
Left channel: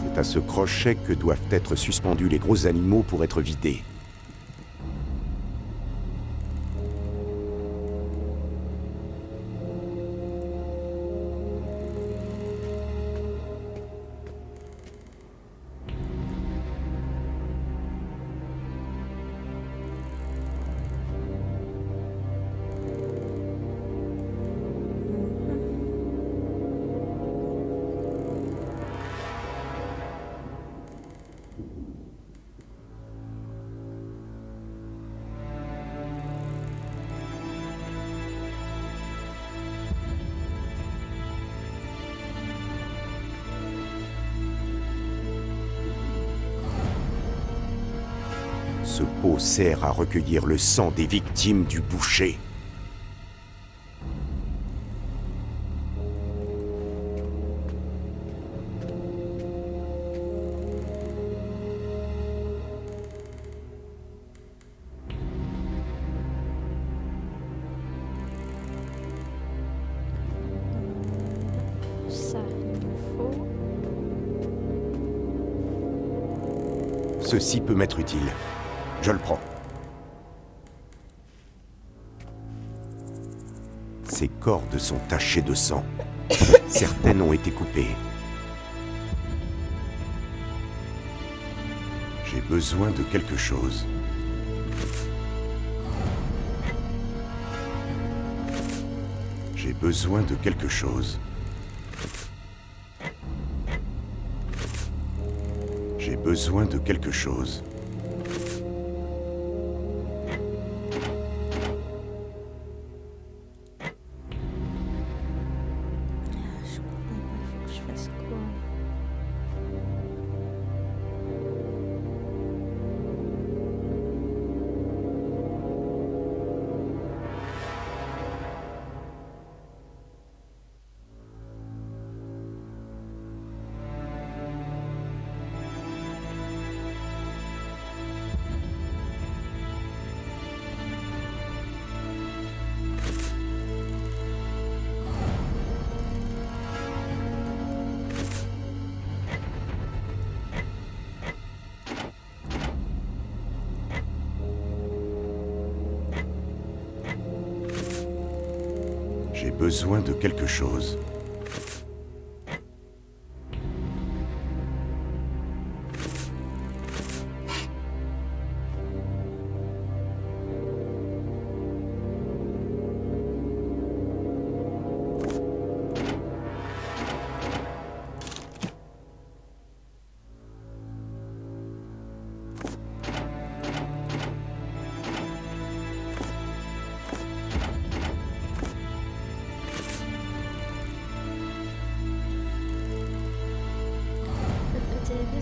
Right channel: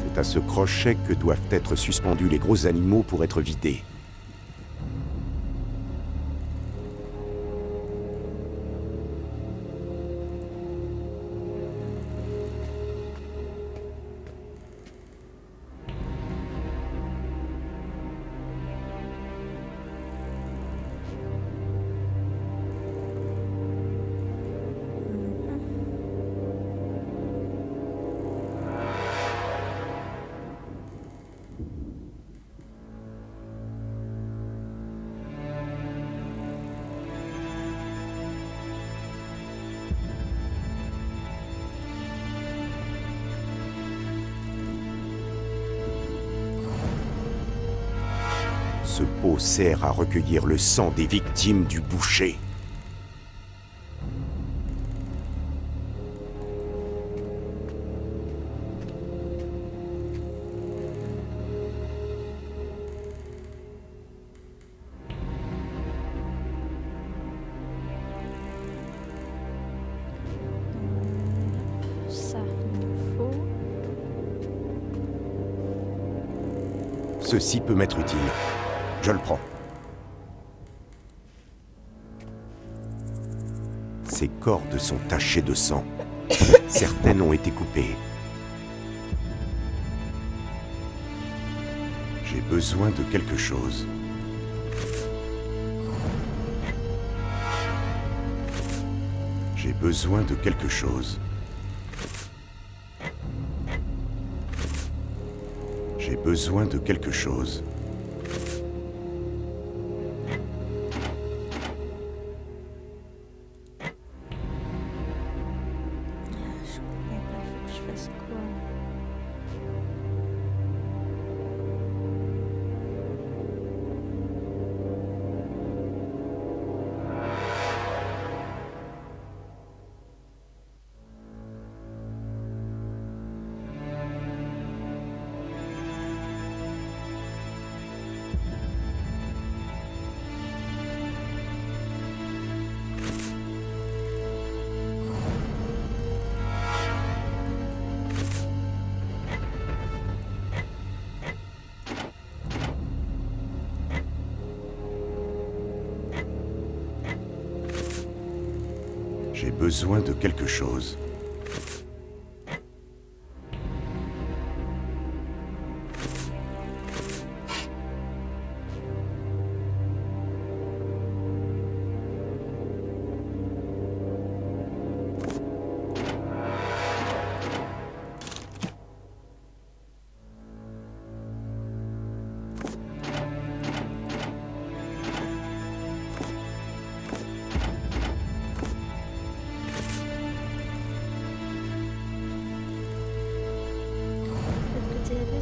C'est à ce crochet que doivent être suspendus les gros animaux pour être vidés. Ce pot sert à recueillir le sang des victimes du boucher. Ceci peut m'être utile. Je le prends. Ces cordes sont tachées de sang. Certaines ont été coupées. J'ai besoin de quelque chose. J'ai besoin de quelque chose. J'ai besoin de quelque chose. Je comprends pas, il faut que je fasse quoi? J'ai besoin de quelque chose.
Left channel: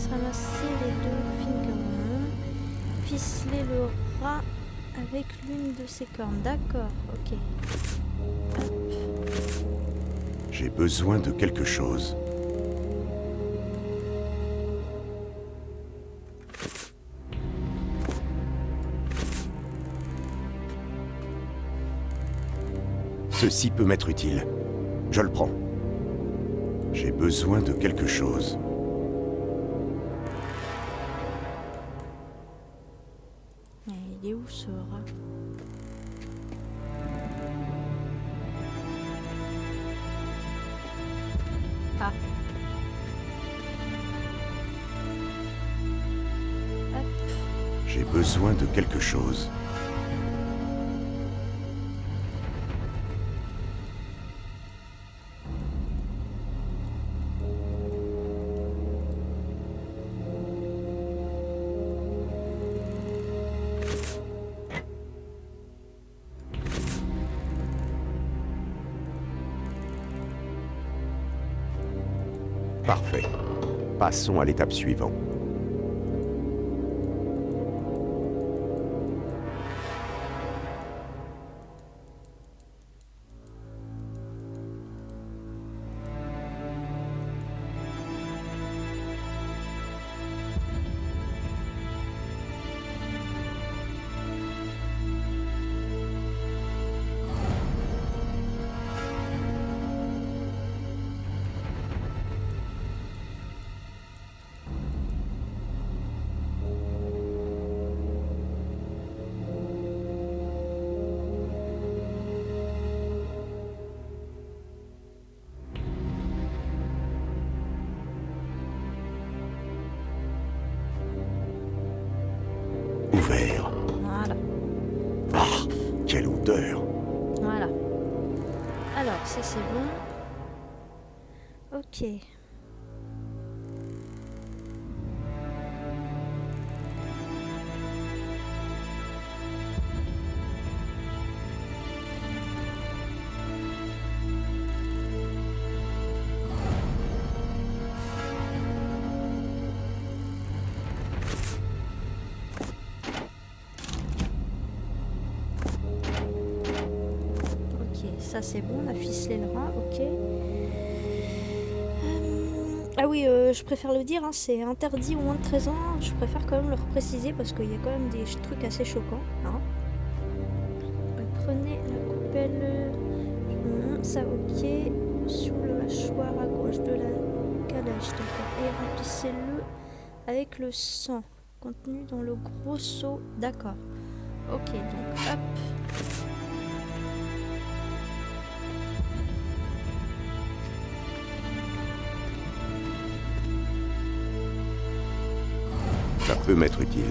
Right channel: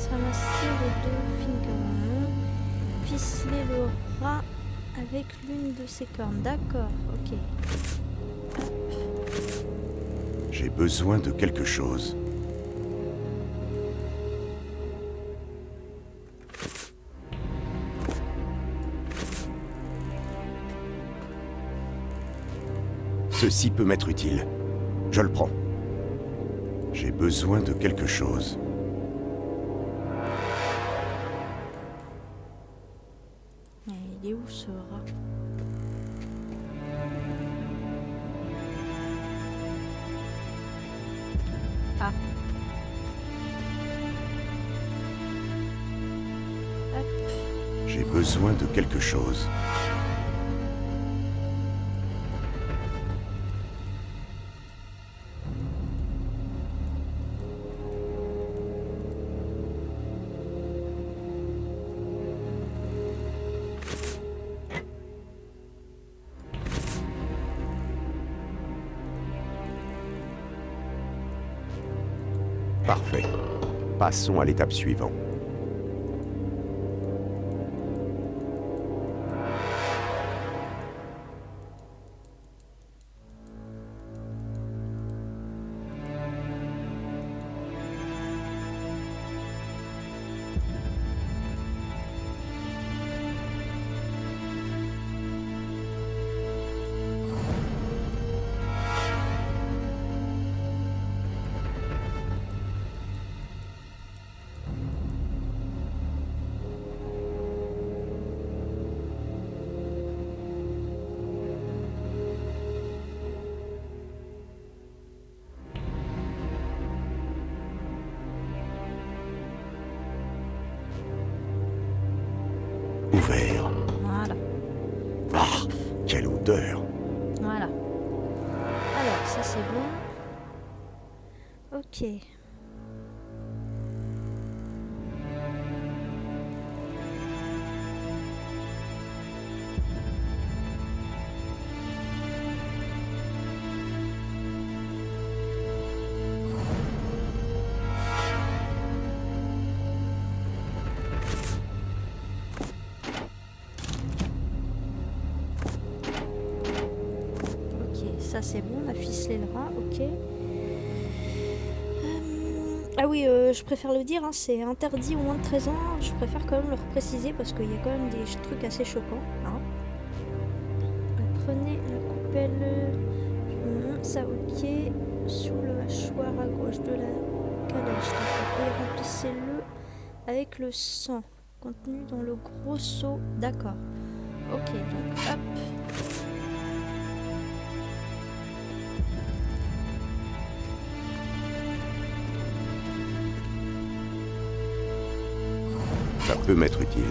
Ramasser les deux fingerons, ficeler le rat avec l'une de ses cornes. D'accord, ok. Hop. J'ai besoin de quelque chose. Ceci peut m'être utile. Je le prends. J'ai besoin de quelque chose. Il est où ce rat? Ah. Hop. J'ai besoin de quelque chose. Parfait. Passons à l'étape suivante. Ouvert. Voilà. Ah, quelle odeur! Voilà. Alors, ça c'est bon. Ok. Ça c'est bon, on a ficelé le rat, ok. Ah oui, je préfère le dire, hein, c'est interdit au moins de 13 ans. Je préfère quand même le repréciser parce qu'il y a quand même des trucs assez choquants. Hein. Prenez la coupelle, ça ok, sous le hachoir à gauche de la calèche, d'accord. Et remplissez-le avec le sang. contenu dans le gros seau. D'accord. Ok, donc hop. Ça peut m'être utile.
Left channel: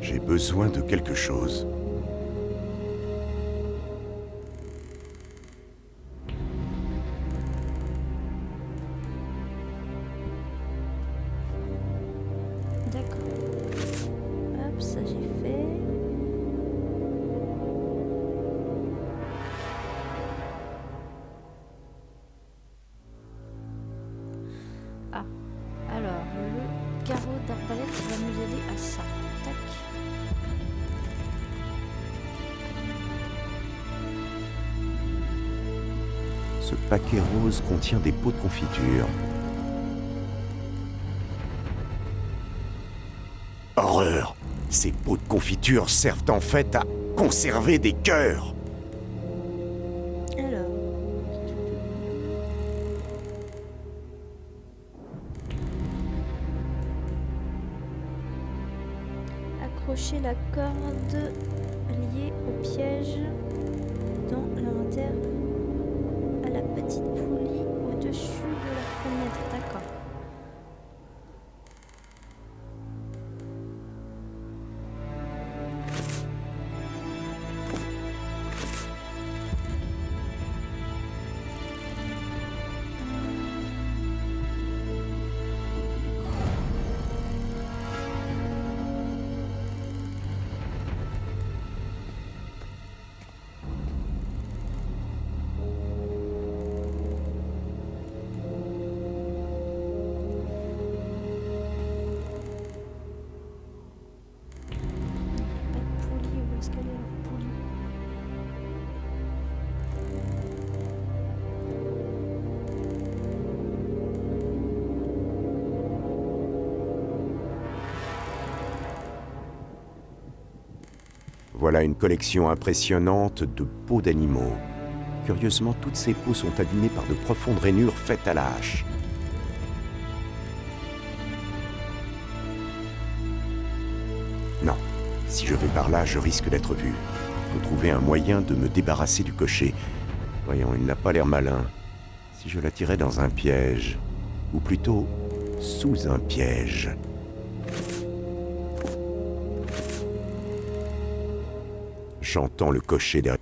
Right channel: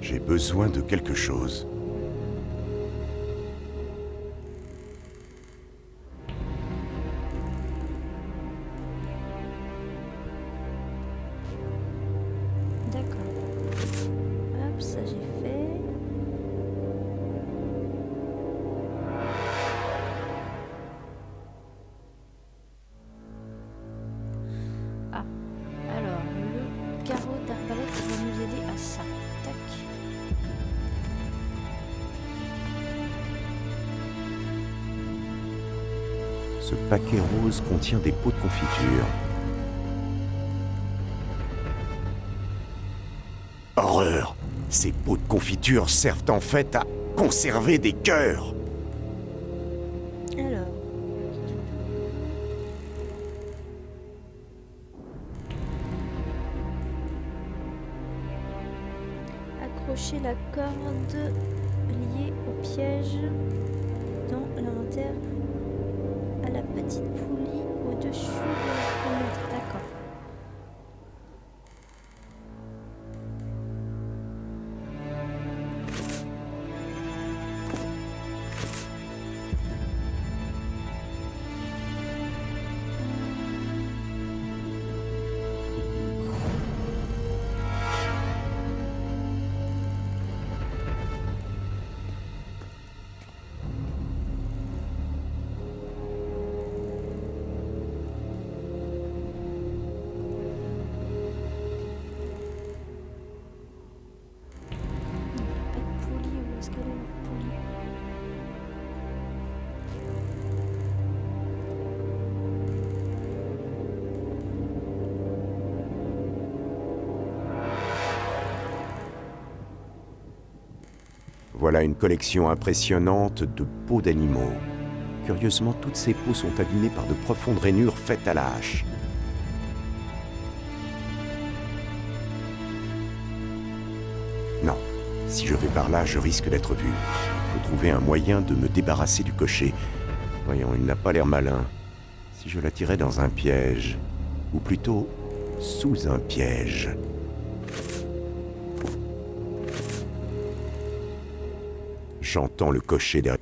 J'ai besoin de quelque chose. D'accord. Hop, ça j'ai fait. Ah, alors le carreau d'arbalète va nous aider à ça. Tac. Ce paquet rose contient des pots de confiture. Horreur! Ces pots de confiture servent en fait à conserver des cœurs! Alors. Accrocher la corde liée au piège dans l'inventaire à la petite poulie au-dessus de la fenêtre. D'accord. Pas de poulie, où est-ce qu'elle est leur poulie? Voilà une collection impressionnante de peaux d'animaux. Curieusement, toutes ces peaux sont abîmées par de profondes rainures faites à la hache. Non, si je vais par là, je risque d'être vu. Il faut trouver un moyen de me débarrasser du cocher. Voyons, il n'a pas l'air malin. Si je l'attirais dans un piège, ou plutôt sous un piège. J'entends le cocher derrière.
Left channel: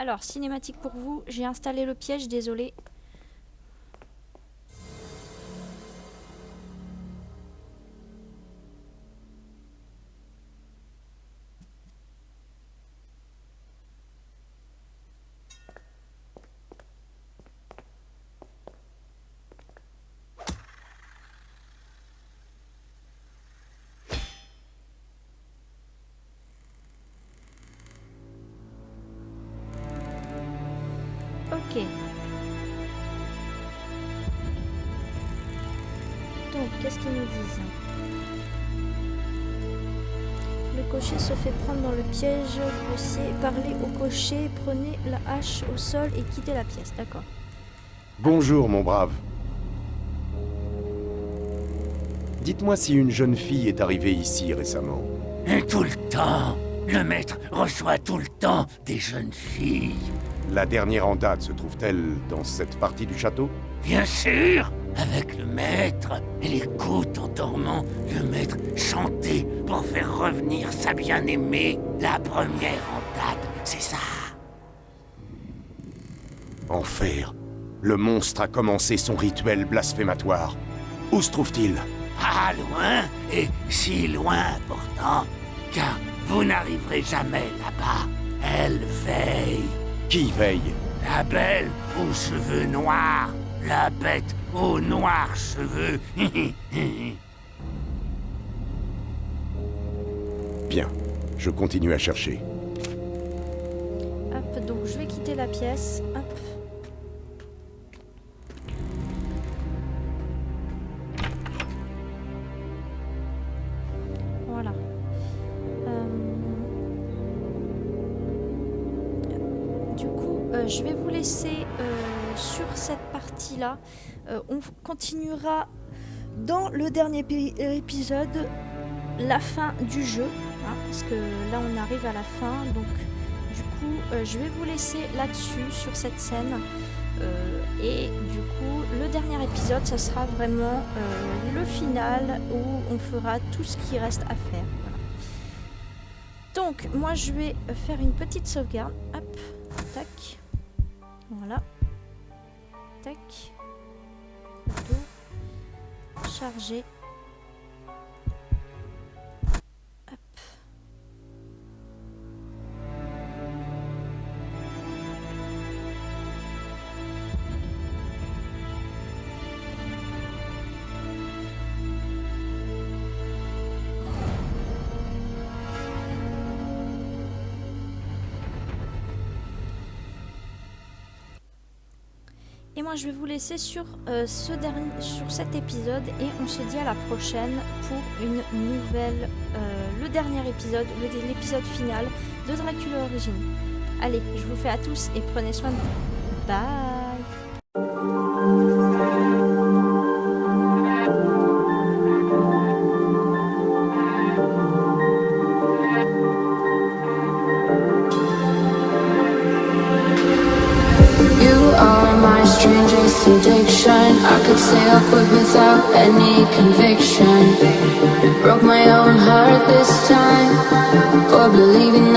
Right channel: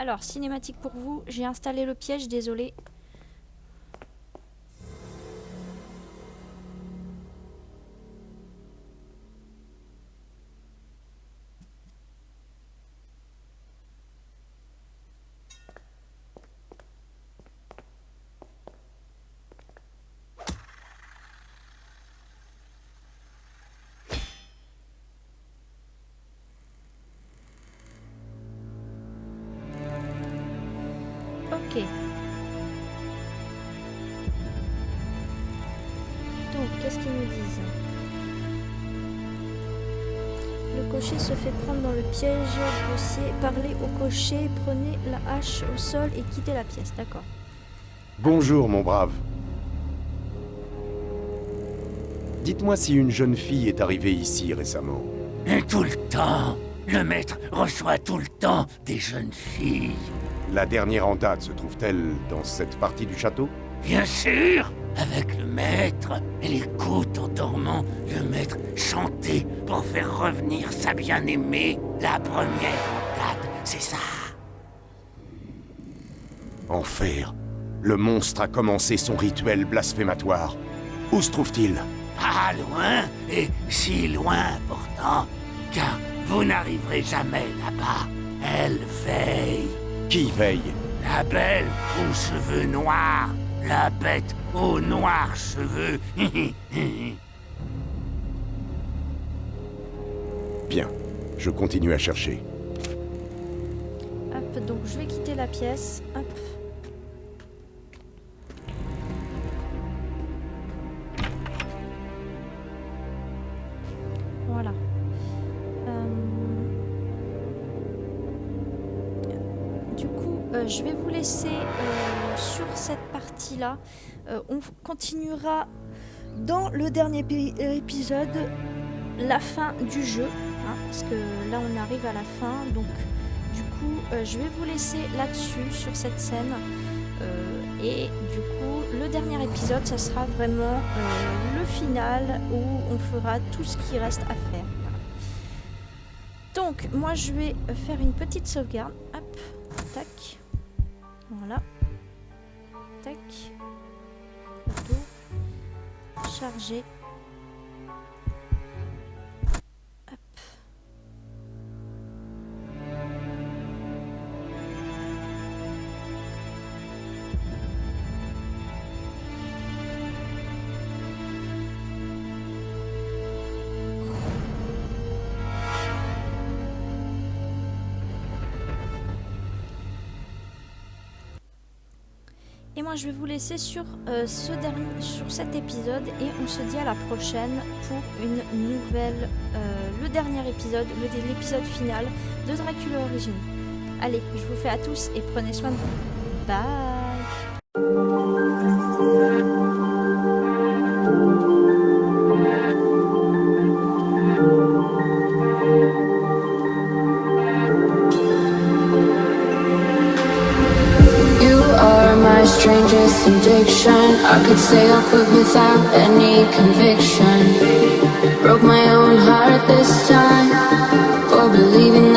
Alors, cinématique pour vous. J'ai installé le piège, désolé. Ok. Donc, qu'est-ce qu'ils nous disent? Le cocher se fait prendre dans le piège grossier. Parlez au cocher, prenez la hache au sol et quittez la pièce. D'accord. Bonjour, mon brave. Dites-moi si une jeune fille est arrivée ici récemment. Tout le temps. Le maître reçoit tout le temps des jeunes filles. La dernière en date se trouve-t-elle dans cette partie du château? Bien sûr. Avec le maître, elle écoute en dormant le maître chanter pour faire revenir sa bien-aimée. La première en date, c'est ça. Enfer. Le monstre a commencé son rituel blasphématoire. Où se trouve-t-il? Pas loin, et si loin pourtant, car vous n'arriverez jamais là-bas. Elle veille. Qui veille? La belle aux cheveux noirs, la bête aux noirs cheveux. Bien, je continue à chercher. Hop, donc je vais quitter la pièce. Hop. Voilà. Du coup, je vais vous laisser sur cette partie-là. On continuera dans le dernier épisode la fin du jeu. Hein, parce que là, on arrive à la fin. Donc, du coup, je vais vous laisser là-dessus, sur cette scène. Et du coup, le dernier épisode, ça sera vraiment le final où on fera tout ce qui reste à faire. Voilà. Donc, moi, je vais faire une petite sauvegarde. Hop, tac. Voilà. Tac. Retour. Charger. Hop. Et moi je vais vous laisser sur, sur cet épisode et on se dit à la prochaine pour une nouvelle, le dernier épisode, l'épisode final de Dracula Origins. Allez, je vous fais à tous et prenez soin de vous. Bye. Strangest addiction. I could say I'll quit without any conviction. Broke my own heart this time for believing